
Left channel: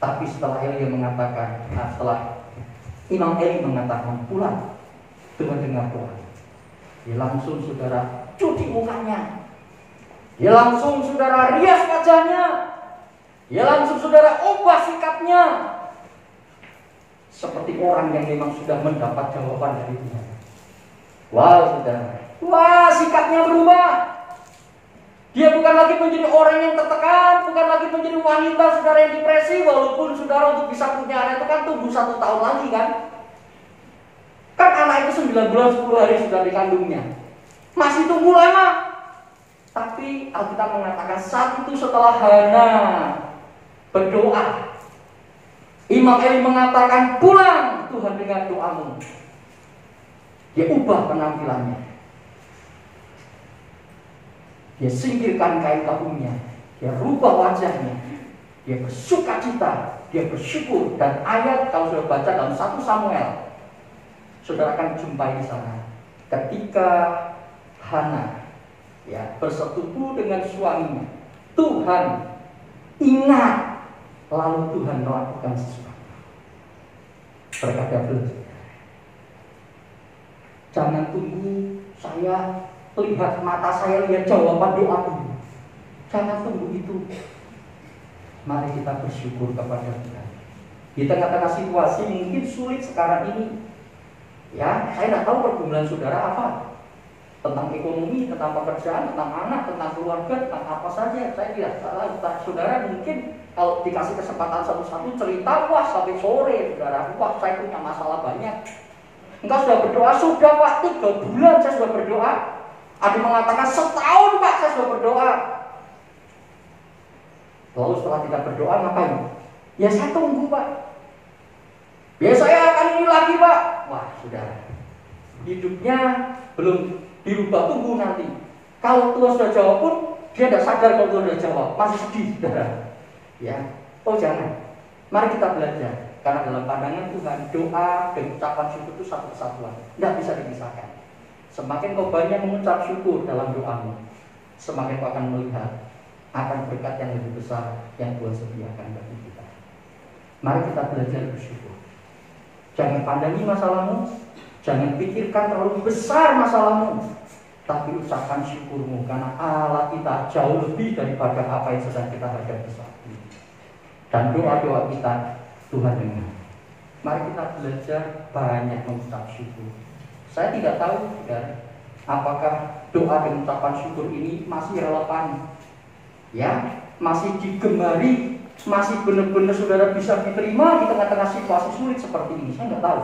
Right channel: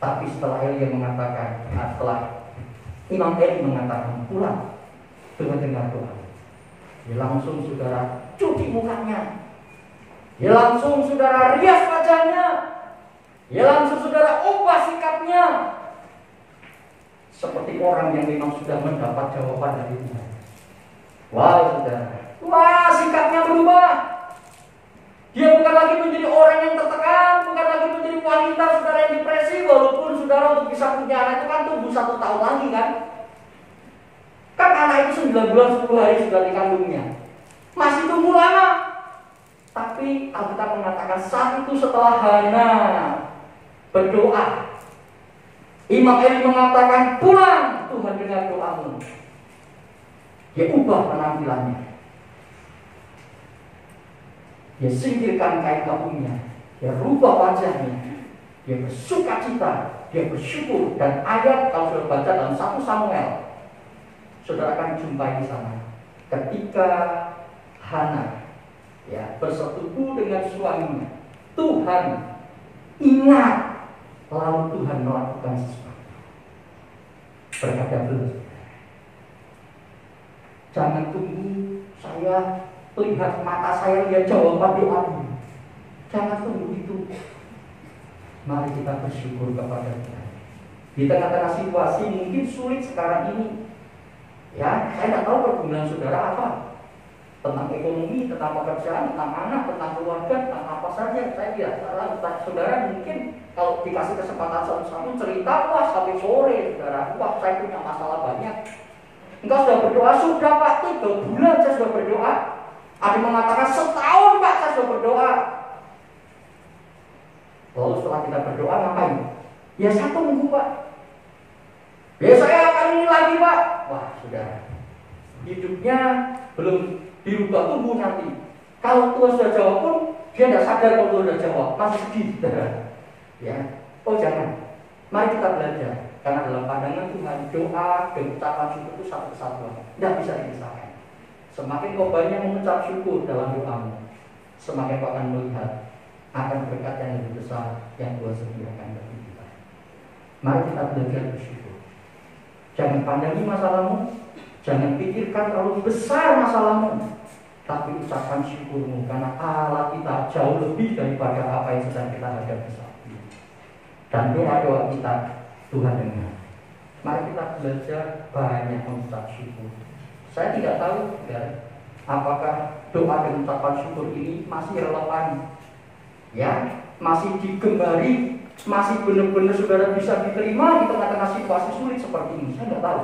Tapi setelah Elia mengatakan, setelah Imam Eli mengatakan pulang dengan dengar doa. Dia langsung saudara cuci mukanya. Dia langsung saudara rias wajahnya. Dia langsung saudara ubah sikapnya. Seperti orang yang memang sudah mendapat jawaban dari Tuhan. Wah saudara, wah sikapnya berubah. Dia bukan lagi menjadi orang yang tertekan, bukan lagi menjadi wanita saudara yang depresi. Walaupun saudara untuk bisa punya anak itu kan tunggu 1 tahun lagi kan. Kan anak itu 9 bulan 10 hari sudah dikandungnya. Masih tunggu lama. Tapi Alkitab mengatakan saat itu setelah Hana berdoa, Imam Eli mengatakan pulang, Tuhan dengar doamu. Dia ubah penampilannya. Dia singkirkan kain tabungnya. Dia rubah wajahnya. Dia bersuka cita. Dia bersyukur. Dan ayat kalau sudah baca dalam 1 Samuel, saudara akan jumpai di sana. Ketika Hana bersetubuh dengan suaminya, Tuhan ingat, lalu Tuhan melakukan sesuatu. Berkata dulu, jangan tunggu saya lihat mata saya lihat jawaban doa ini. Jangan tunggu itu. Mari kita bersyukur kepada Tuhan. Di tengah-tengah situasi mungkin sulit sekarang ini, ya, saya tidak tahu pergumulan saudara apa. Tentang ekonomi, tentang pekerjaan, tentang anak, tentang keluarga, tentang apa saja. Saya tidak tahu. Saudara mungkin kalau dikasih kesempatan satu-satu cerita, wah sampai sore saudara, wah saya punya masalah banyak. Engkau sudah berdoa? Sudah Pak, 3 bulan saya sudah berdoa. Ada mengatakan setahun Pak saya sudah berdoa. Lalu setelah kita berdoa ngapain? Ya saya tunggu Pak. Ya saya akan ini lagi Pak. Wah saudara, hidupnya belum dirubah, tunggu nanti. Kalau Tuhan sudah jawab pun dia tidak sadar kalau Tuhan sudah jawab, masih sedih saudara. Ya, oh jangan. Mari kita belajar. Karena dalam pandangan Tuhan, doa dan ucapan syukur itu satu kesatuan, tidak bisa dipisahkan. Semakin kau banyak mengucap syukur dalam doamu, semakin kau akan melihat akan berkat yang lebih besar yang Tuhan sediakan bagi kita. Mari kita belajar bersyukur. Jangan pandangi masalahmu, jangan pikirkan terlalu besar masalahmu, tapi ucapkan syukurmu karena Allah kita jauh lebih daripada apa yang sedang kita hadapi saat ini. Dan doa-doa kita Tuhan dengar. Mari kita belajar banyak mengucap syukur. Saya tidak tahu ya, apakah doa dan ucapan syukur ini masih relevan, ya, masih digembari, masih benar-benar saudara bisa diterima di tengah-tengah situasi sulit seperti ini. Saya tidak tahu.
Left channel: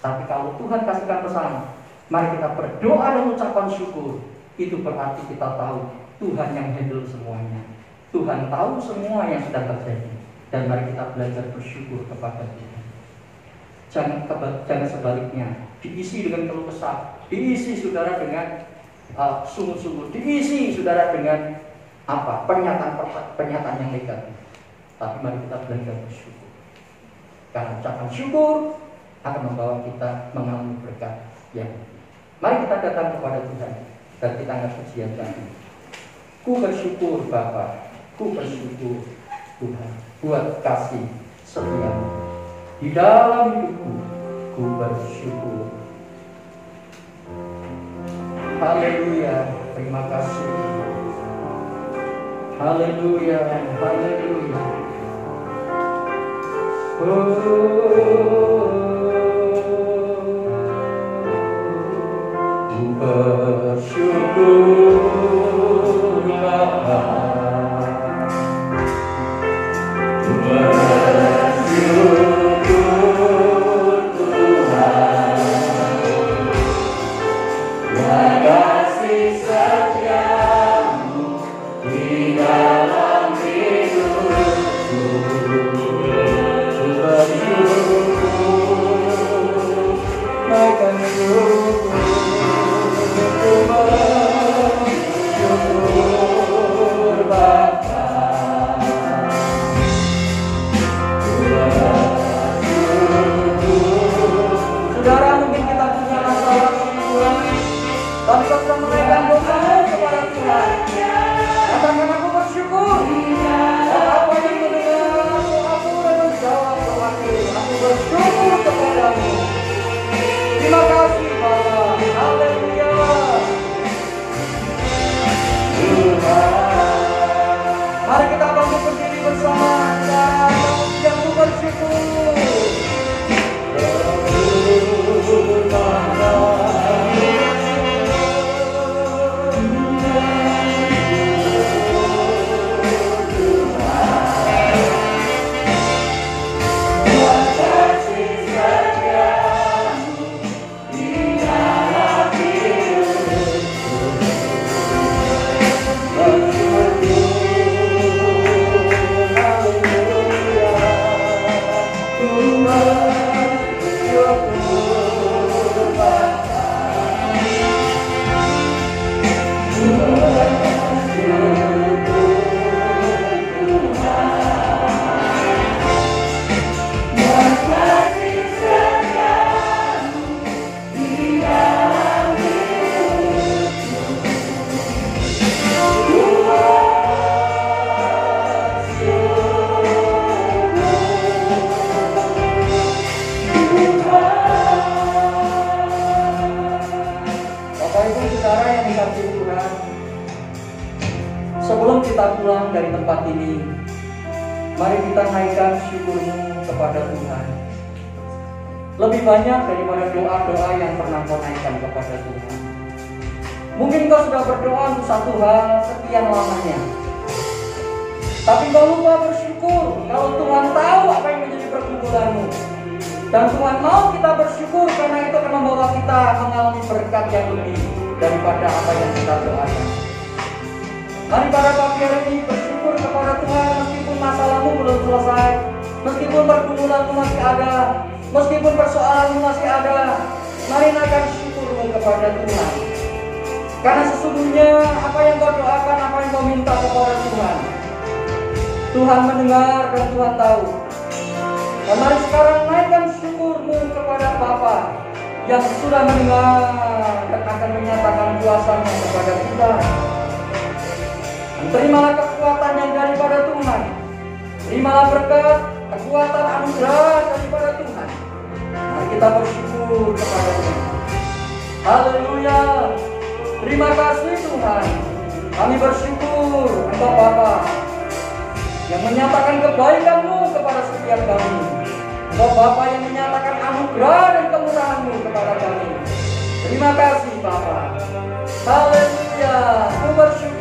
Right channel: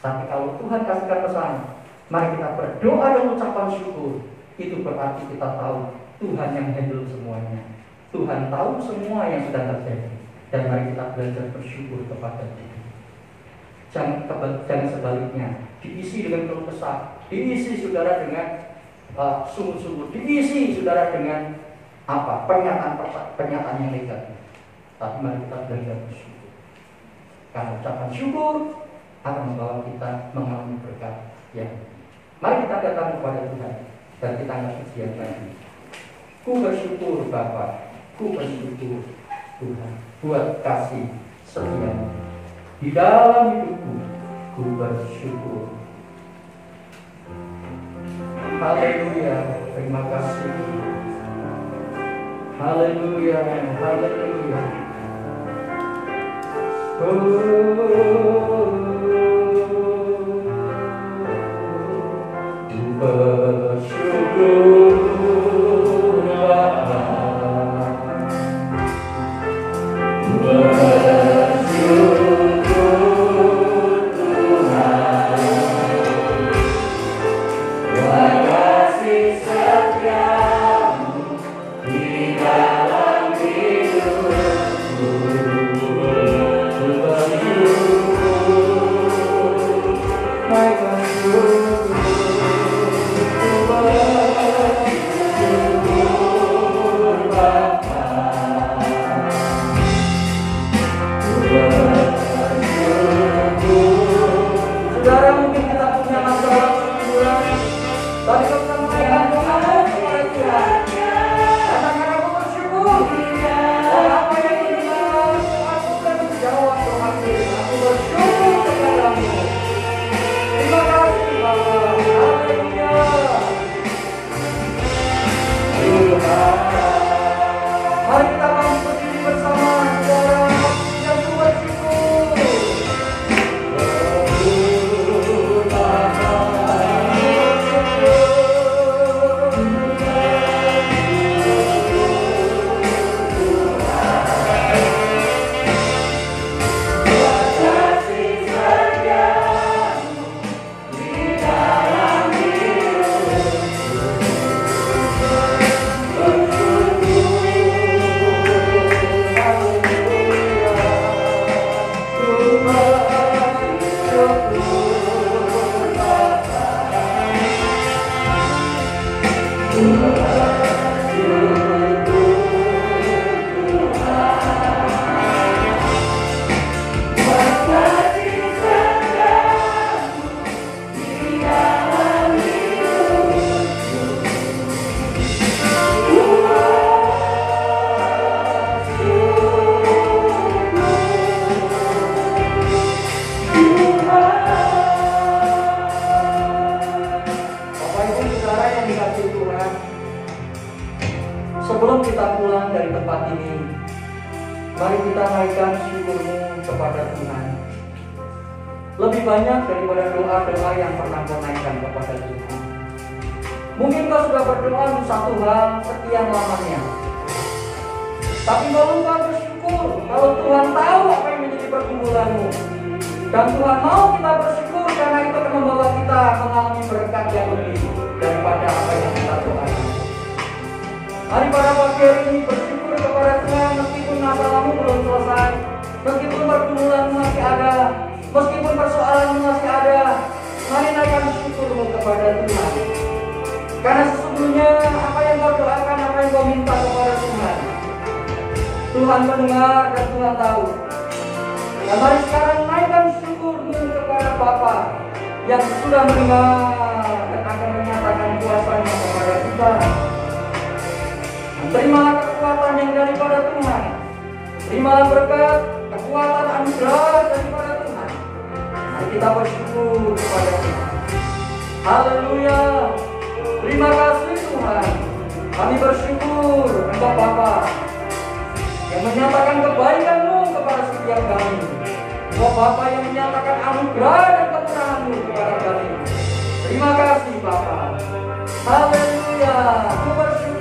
Tapi kalau Tuhan kasihkan pesan, mari kita berdoa dan ucapan syukur. Itu berarti kita tahu Tuhan yang handle semuanya. Tuhan tahu semua yang sedang terjadi. Dan mari kita belajar bersyukur kepada Tuhan. Jangan sebaliknya, diisi dengan keluh kesah, diisi saudara dengan sungguh-sungguh, diisi saudara dengan pernyataan yang negatif. Tapi mari kita belajar bersyukur. Karena ucapan syukur akan membawa kita mengalami berkat. Ya, mari kita datang kepada Tuhan dan kita akan bersiap lagi. Ku bersyukur Bapa, ku bersyukur Tuhan buat kasih setia di dalam hidupku. Ku bersyukur. Haleluya, terima kasih. Haleluya, haleluya. Ku bersyukur Bapa. Ku bersyukur Tuhan, buat kasih setiamu di dalam hidupku. Ku bersyukur, naikkan syukur. Ku bersyukur Bapa. Saudara, mungkin kita punya masalah kehidupan, tapi kita sampaikan doa kepada Tuhan. Katakan aku bersyukur. Apa yang terjadi dalam doaku dan menjawab doaku. Aku bersyukur kepada tempat ini, mari kita naikkan syukur-Mu kepada Tuhan. Lebih banyak daripada doa-doa yang pernah kau naikkan kepada Tuhan. Mungkin kau sudah berdoa untuk satu hal sekian lamanya, tapi kau lupa bersyukur kalau Tuhan tahu apa yang menjadi pergumulanmu. Dan Tuhan mau kita bersyukur karena itu akan membawa kita mengalami berkat yang lebih daripada apa yang kita doakan. Mari pada pagi hari ini bersyukur kepada Tuhan meskipun masalahmu belum selesai, meskipun pergumulanmu masih ada, meskipun persoalanmu masih ada. Mari naikkan syukurmu kepada Tuhan. Karena sesungguhnya apa yang kau doakan, apa yang kau minta kepada Tuhan, Tuhan mendengar dan Tuhan tahu. Dan mari sekarang naikkan syukurmu kepada Bapa yang sudah mendengar dan akan menyatakan kuasa-Nya kepada kita. Terimalah kekuatan yang daripada Tuhan. Terimalah berkat, kekuatan, anugerah daripada Tuhan. Mari kita bersyukur kepada-Nya. Haleluya. Terima kasih Tuhan. Kami bersyukur Engkau Bapa yang menyatakan kebaikan-Mu kepada setiap kami. Engkau Bapa yang menyatakan anugerah dan kemurahan-Mu kepada kami. Terima kasih Bapa. Haleluya. Ku bersyukur.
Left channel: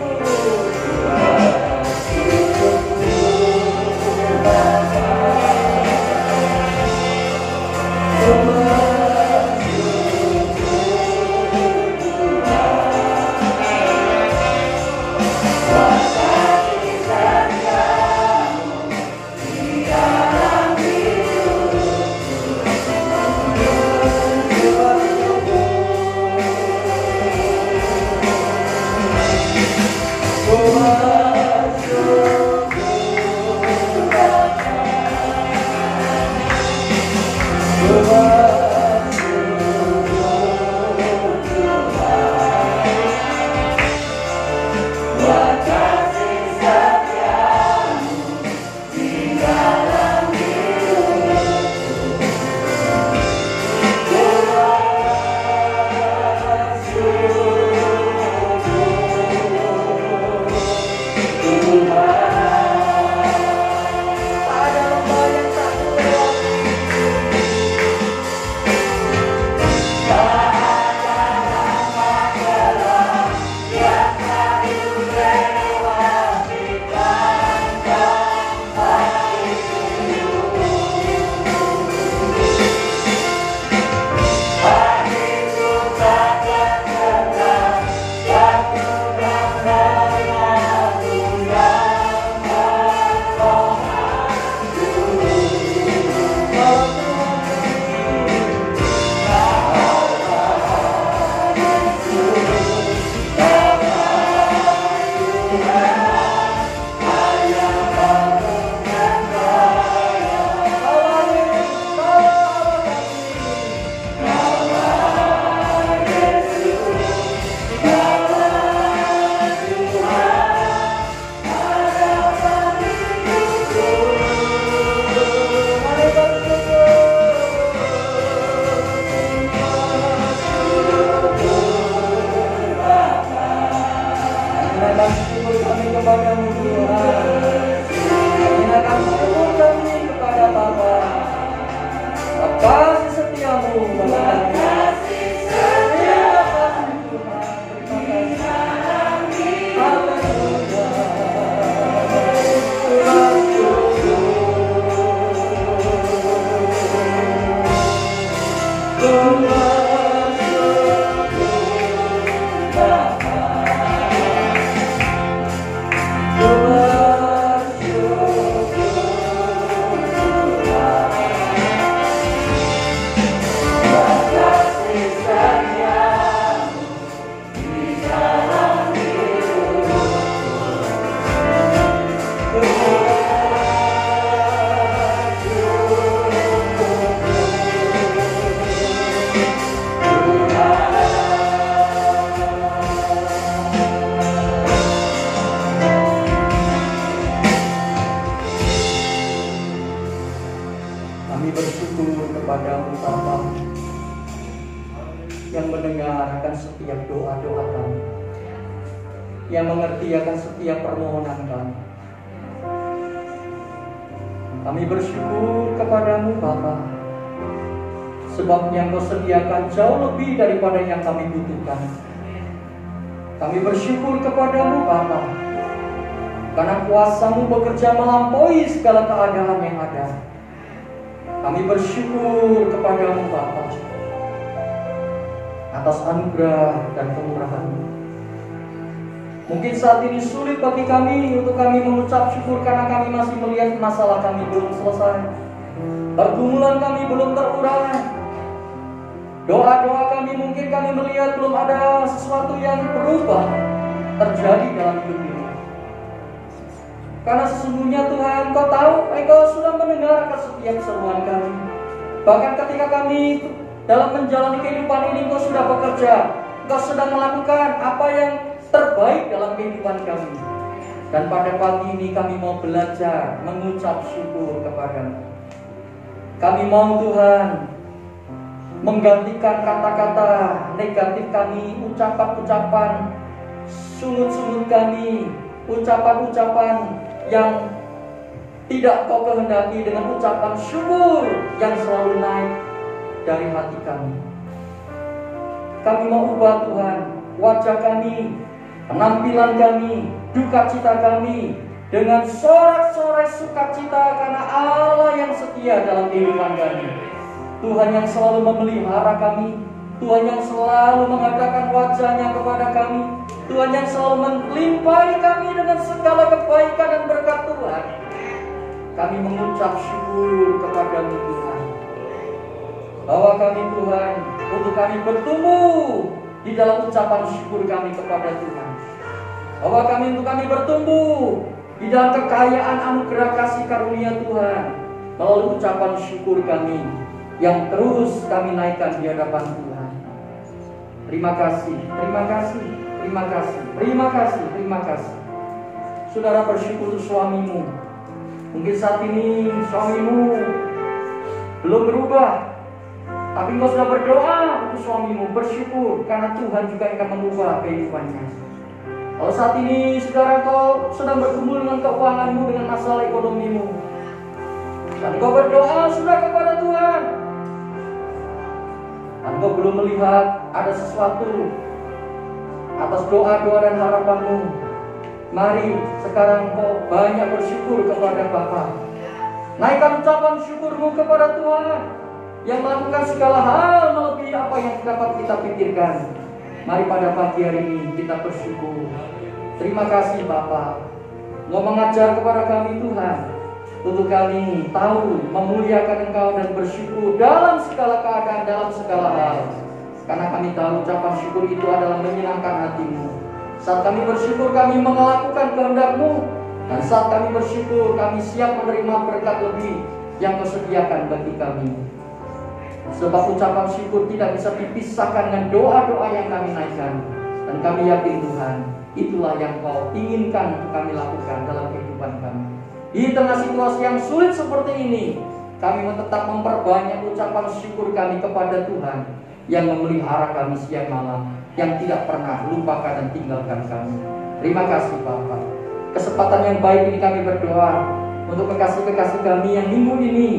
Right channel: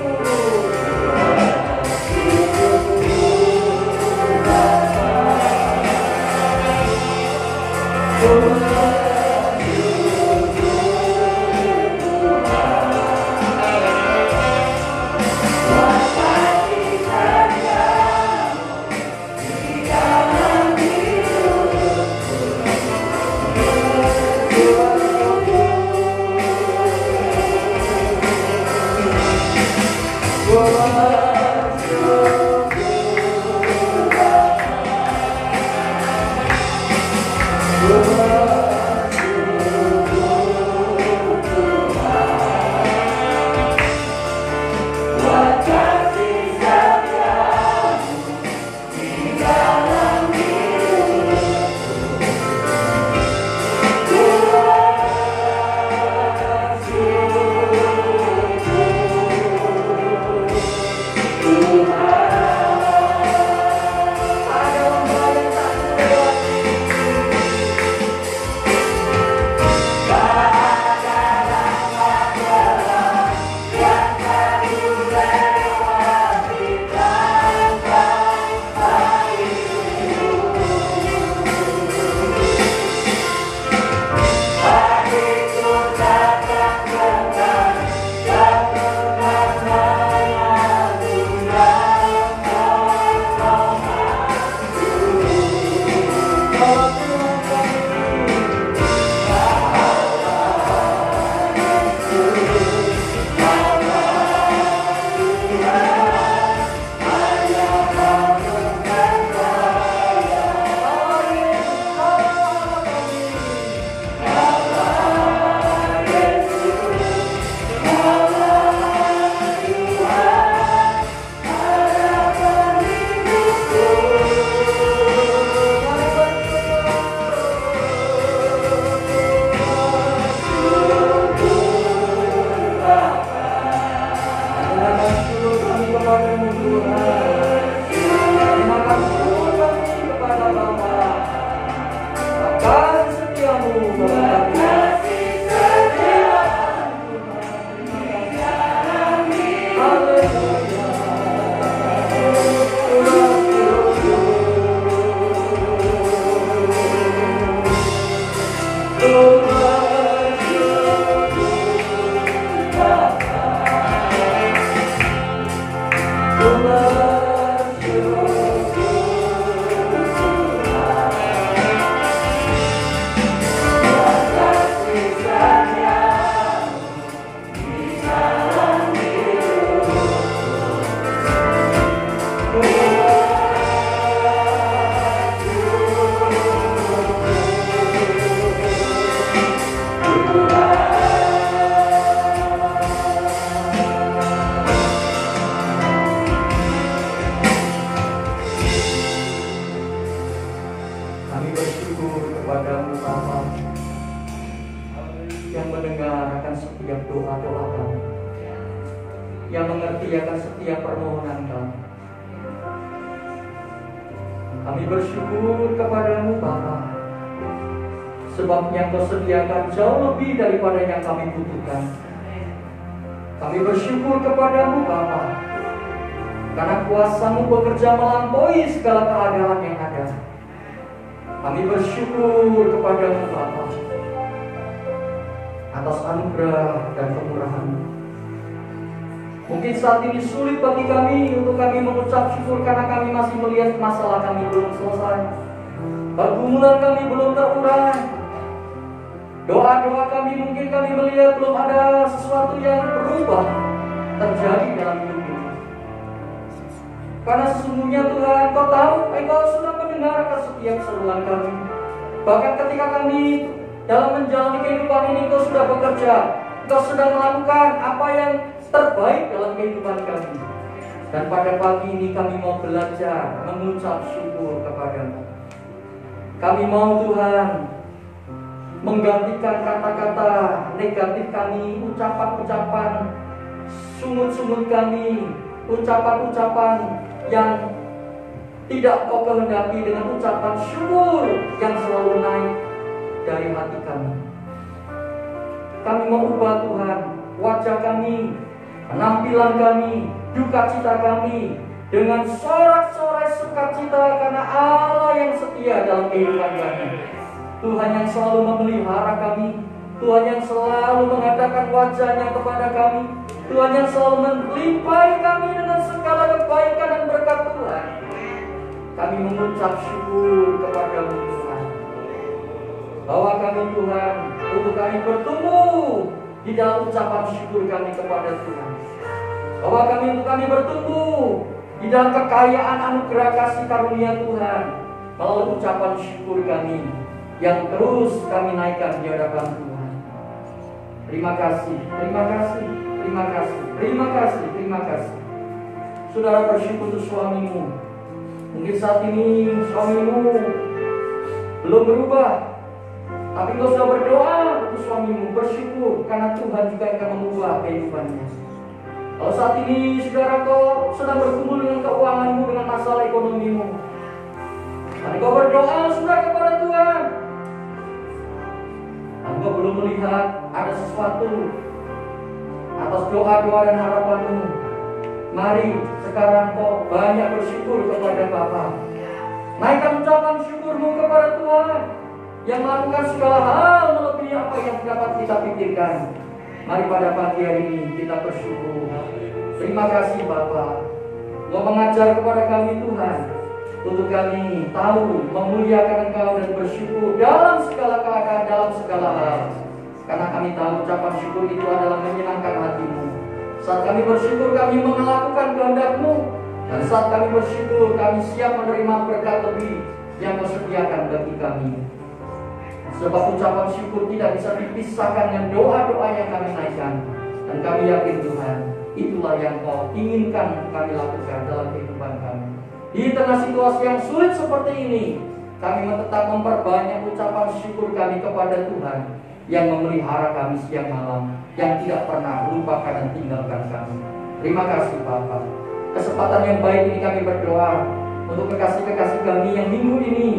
yang mendengar akan setiap doa-doa kami, yang mengerti akan setiap permohonan kami. Kami bersyukur kepadamu Bapa, sebab yang Kau sediakan jauh lebih daripada yang kami butuhkan. Kami bersyukur kepadamu Bapa, karena kuasa-Mu bekerja melampaui segala keadaan yang ada. Kami bersyukur kepadamu Bapa atas anugerah dan kemurahan-Mu. Mungkin saat ini sulit bagi kami untuk kami mengucap syukur karena kami masih melihat masalah kami belum selesai, pergumulan kami belum terurai. Doa-doa kami mungkin kami melihat belum ada sesuatu yang berubah terjadi dalam hidup ini. Karena sesungguhnya Tuhan, Kau tahu, Engkau sudah mendengarkan setiap seruan kami. Bahkan ketika kami dalam menjalani kehidupan ini, Engkau sudah bekerja, Engkau sudah melakukan apa yang terbaik dalam kehidupan kami. Dan pada pagi ini kami mau belajar mengucap syukur kepadamu. Kami mau Tuhan menggantikan kata-kata negatif kami, ucapan-ucapan sungut-sungut kami, ucapan-ucapan yang tidak Kau kehendaki dengan ucapan syukur yang selalu naik dari hati kami. Kami mau ubah Tuhan wajah kami, penampilan kami, duka cita kami dengan sorak-sorai sukacita karena Allah yang setia dalam kehidupan kami. Tuhan yang selalu memelihara kami, Tuhan yang selalu mengadakan wajahnya kepada kami, Tuhan yang selalu melimpahi kami dengan segala kebaikan dan berkat Tuhan. Kami mengucap syukur kepadamu Tuhan, bahwa kami Tuhan, untuk kami bertumbuh di dalam ucapan syukur kami kepada Tuhan, bahwa untuk kami bertumbuh di dalam kekayaan anugerah kasih karunia Tuhan melalui ucapan syukur kami yang terus kami naikkan di hadapan Tuhan. Terima kasih, terima kasih, terima kasih, terima kasih, terima kasih. Saudara bersyukur untuk suamimu. Mungkin saat ini suamimu belum berubah, tapi engkau sudah berdoa untuk suamimu, bersyukur karena Tuhan juga akan mengubah kehidupannya. Kalau saat ini saudara kau sedang bergumul dengan keuanganmu, dengan masalah ekonomimu, dan engkau berdoa sudah kepada Tuhan, dan engkau belum melihat ada sesuatu atas doa-doa dan harapanmu, mari sekarang kau banyak bersyukur kepada Bapa. Naikkan ucapan syukurmu kepada Tuhan yang melakukan segala hal melebihi apa yang dapat kita pikirkan. Mari pada pagi hari ini kita bersyukur. Terima kasih Bapa, Engkau mengajar kepada kami Tuhan, untuk kami tahu memuliakan Engkau dan bersyukur dalam segala keadaan, dalam segala hal. Karena kami tahu ucapan syukur itu adalah menyenangkan hatimu. Saat kami bersyukur kami melakukan kehendak-Mu, dan saat kami bersyukur kami siap menerima berkat lebih yang Kau sediakan bagi kami. Sebab ucapan syukur tidak bisa dipisahkan dengan doa-doa yang kami naikkan. Dan kami yakin Tuhan, itulah yang Kau inginkan untuk kami lakukan dalam kehidupan kami. Di tengah situasi yang sulit seperti ini, kami tetap memperbanyak ucapan syukur kami kepada Tuhan yang memelihara kami siang malam, yang tidak pernah lupakan dan tinggalkan kami. Terima kasih Bapa. Kesempatan yang baik ini kami berdoa untuk kekasih-kekasih kami yang minggu ini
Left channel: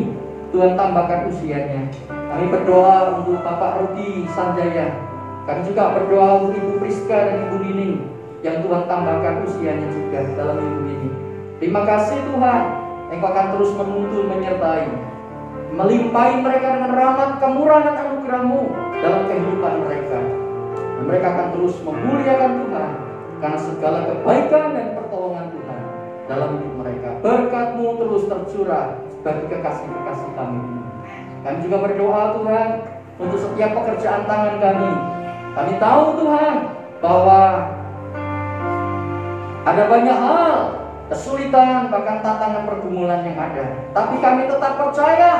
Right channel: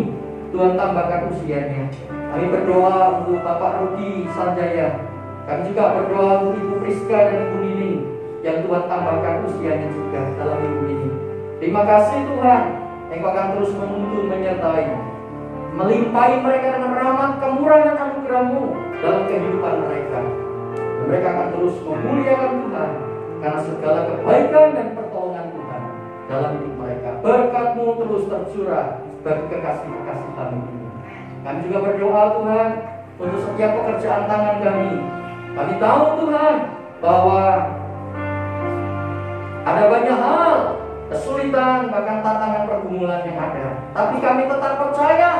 Tuhan tambahkan usianya. Kami berdoa untuk Bapak Rudi Sanjaya. Kami juga berdoa untuk Ibu Priska dan Ibu Nining yang Tuhan tambahkan usianya juga dalam minggu ini. Terima kasih Tuhan, Engkau akan terus menuntun, menyertai, melimpahi mereka dengan rahmat, kemurahan, anugerah-Mu dalam kehidupan mereka. Dan mereka akan terus memuliakan Tuhan karena segala kebaikan dan pertolongan Tuhan dalam hidup mereka. Berkat-Mu terus tercurah bagi kekasih-kekasih kami ini. Kami juga berdoa Tuhan untuk setiap pekerjaan tangan kami. Kami tahu Tuhan bahwa ada banyak hal, kesulitan, bahkan tantangan pergumulan yang ada. Tapi kami tetap percaya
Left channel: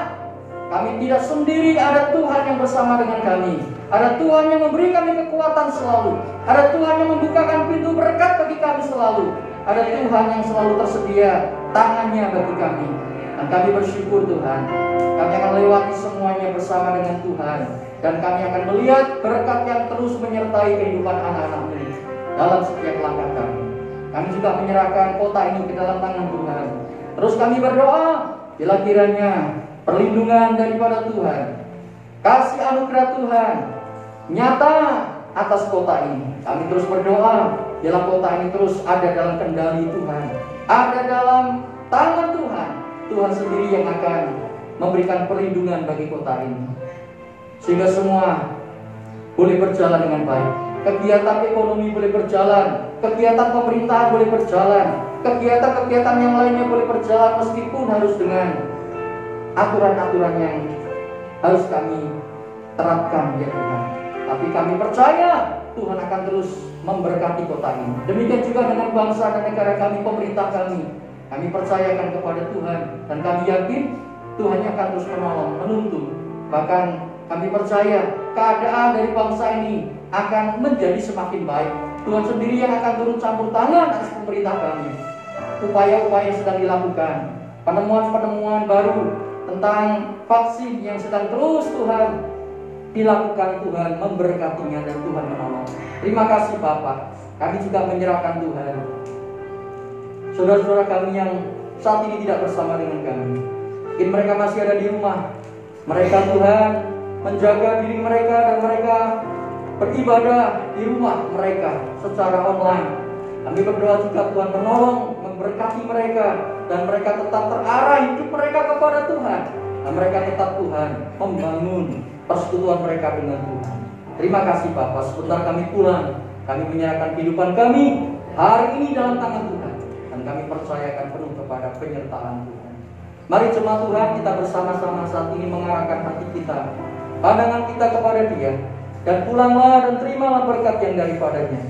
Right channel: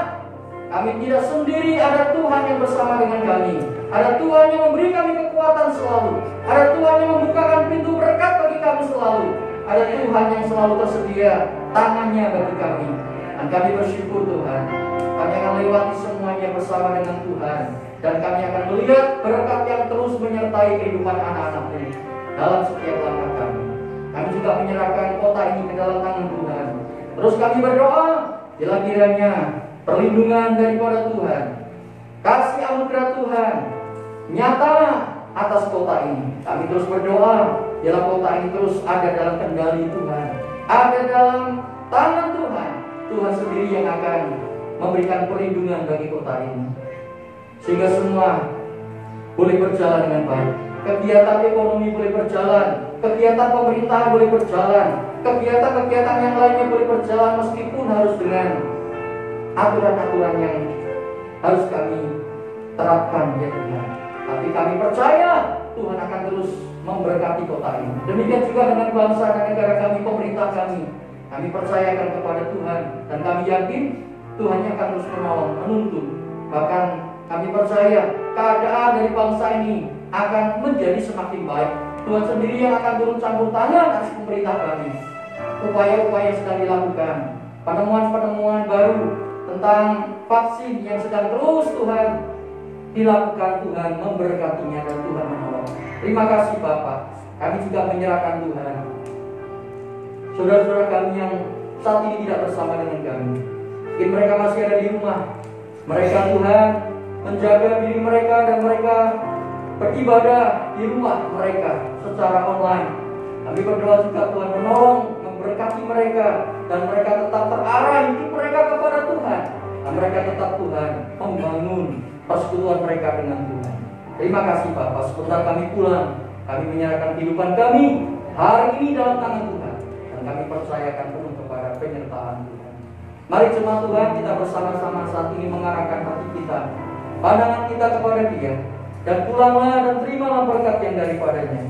kami tidak sendiri, ada Tuhan yang bersama dengan kami. Ada Tuhan yang memberi kami kekuatan selalu. Ada Tuhan yang membukakan pintu berkat bagi kami selalu. Ada Tuhan yang selalu tersedia tangannya bagi kami. Dan kami bersyukur Tuhan, kami akan lewati semuanya bersama dengan Tuhan. Dan kami akan melihat berkat yang terus menyertai kehidupan anak-anak-Mu dalam setiap langkah kami. Kami juga menyerahkan kota ini ke dalam tangan Tuhan. Terus kami berdoa bila kiranya perlindungan daripada Tuhan, kasih anugerah Tuhan nyata atas kota ini. Kami terus berdoa, bila kota ini terus ada dalam kendali Tuhan, ada dalam tangan Tuhan. Tuhan sendiri yang akan memberikan perlindungan bagi kota ini, sehingga semua boleh berjalan dengan baik. Kegiatan ekonomi boleh berjalan, kegiatan pemerintahan boleh berjalan, kegiatan-kegiatan yang lainnya boleh berjalan, meskipun harus dengan aturan-aturan yang harus kami terapkan, ya Tuhan. Tapi kami percaya Tuhan akan terus memberkati kota ini. Demikian juga dengan bangsa dan negara kami, pemerintah kami. Kami percayakan kepada Tuhan, dan kami yakin Tuhan yang akan terus menolong, menuntun. Bahkan kami percaya keadaan dari bangsa ini akan menjadi semakin baik. Tuhan sendiri yang akan turun campur tangan atas pemerintah kami. Upaya-upaya yang sedang dilakukan, penemuan-penemuan baru tentang vaksin yang sedang terus Tuhan dilakukan, Tuhan memberkatinya dan Tuhan menolong. Terima kasih Bapak. Kami juga menyerahkan Tuhan saudara-saudara kami yang saat ini tidak bersama dengan kami. Mungkin mereka masih ada di rumah. Mereka Tuhan menjaga diri mereka, dan mereka beribadah di rumah mereka secara online. Kami berdoa juga Tuhan menolong, memberkati mereka, dan mereka tetap terarah hidup mereka kepada Tuhan, dan mereka tetap Tuhan membangun persekutuan mereka dengan Tuhan. Terima kasih Bapak. Sebentar kami pulang, kami menyerahkan kehidupan kami hari ini dalam tangan Tuhan, dan kami percayakan penuh kepada penyertaan Tuhan. Mari jemaat Tuhan, kita bersama-sama saat ini mengarahkan hati kita, pandangan kita kepada Dia, dan pulanglah dan terimalah berkat yang daripadanya.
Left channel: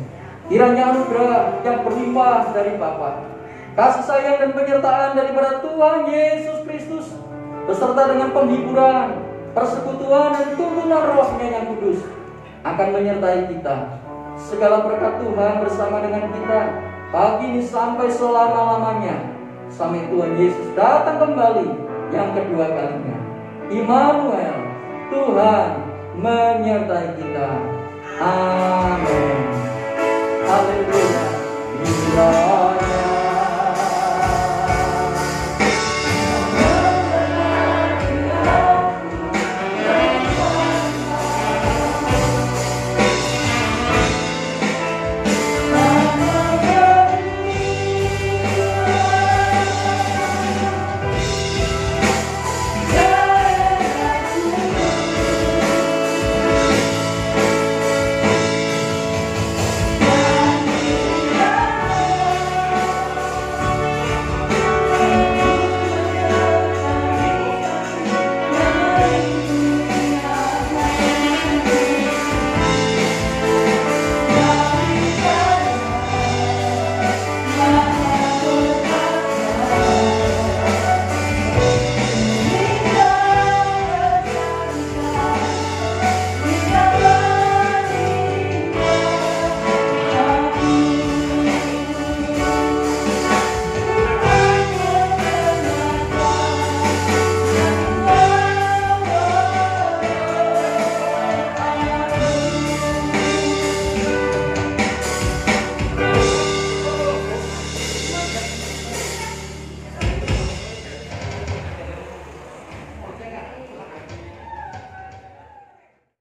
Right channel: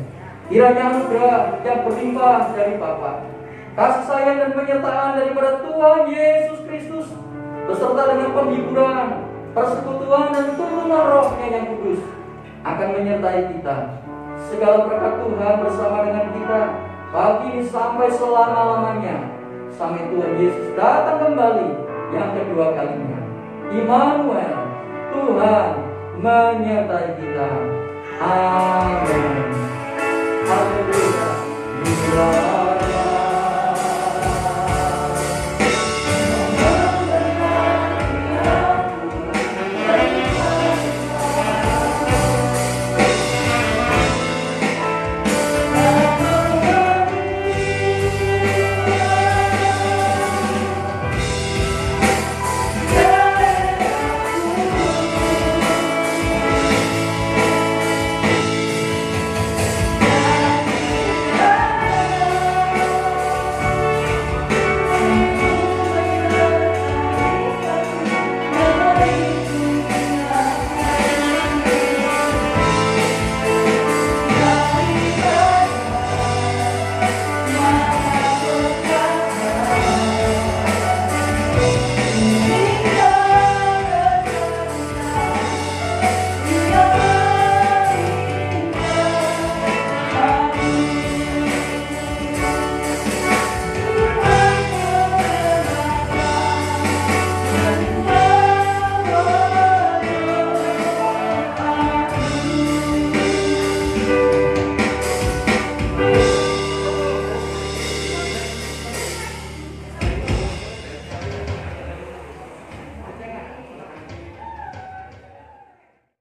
Kiranya anugerah yang berlimpah dari Bapa, kasih sayang dan penyertaan daripada Tuhan Yesus Kristus, beserta dengan penghiburan, persekutuan dan tuntunan Roh-Nya yang kudus akan menyertai kita. Segala berkat Tuhan bersama dengan kita pagi ini sampai selama-lamanya, sampai Tuhan Yesus datang kembali yang kedua kalinya. Immanuel, Tuhan menyertai kita. Amin. Haleluya.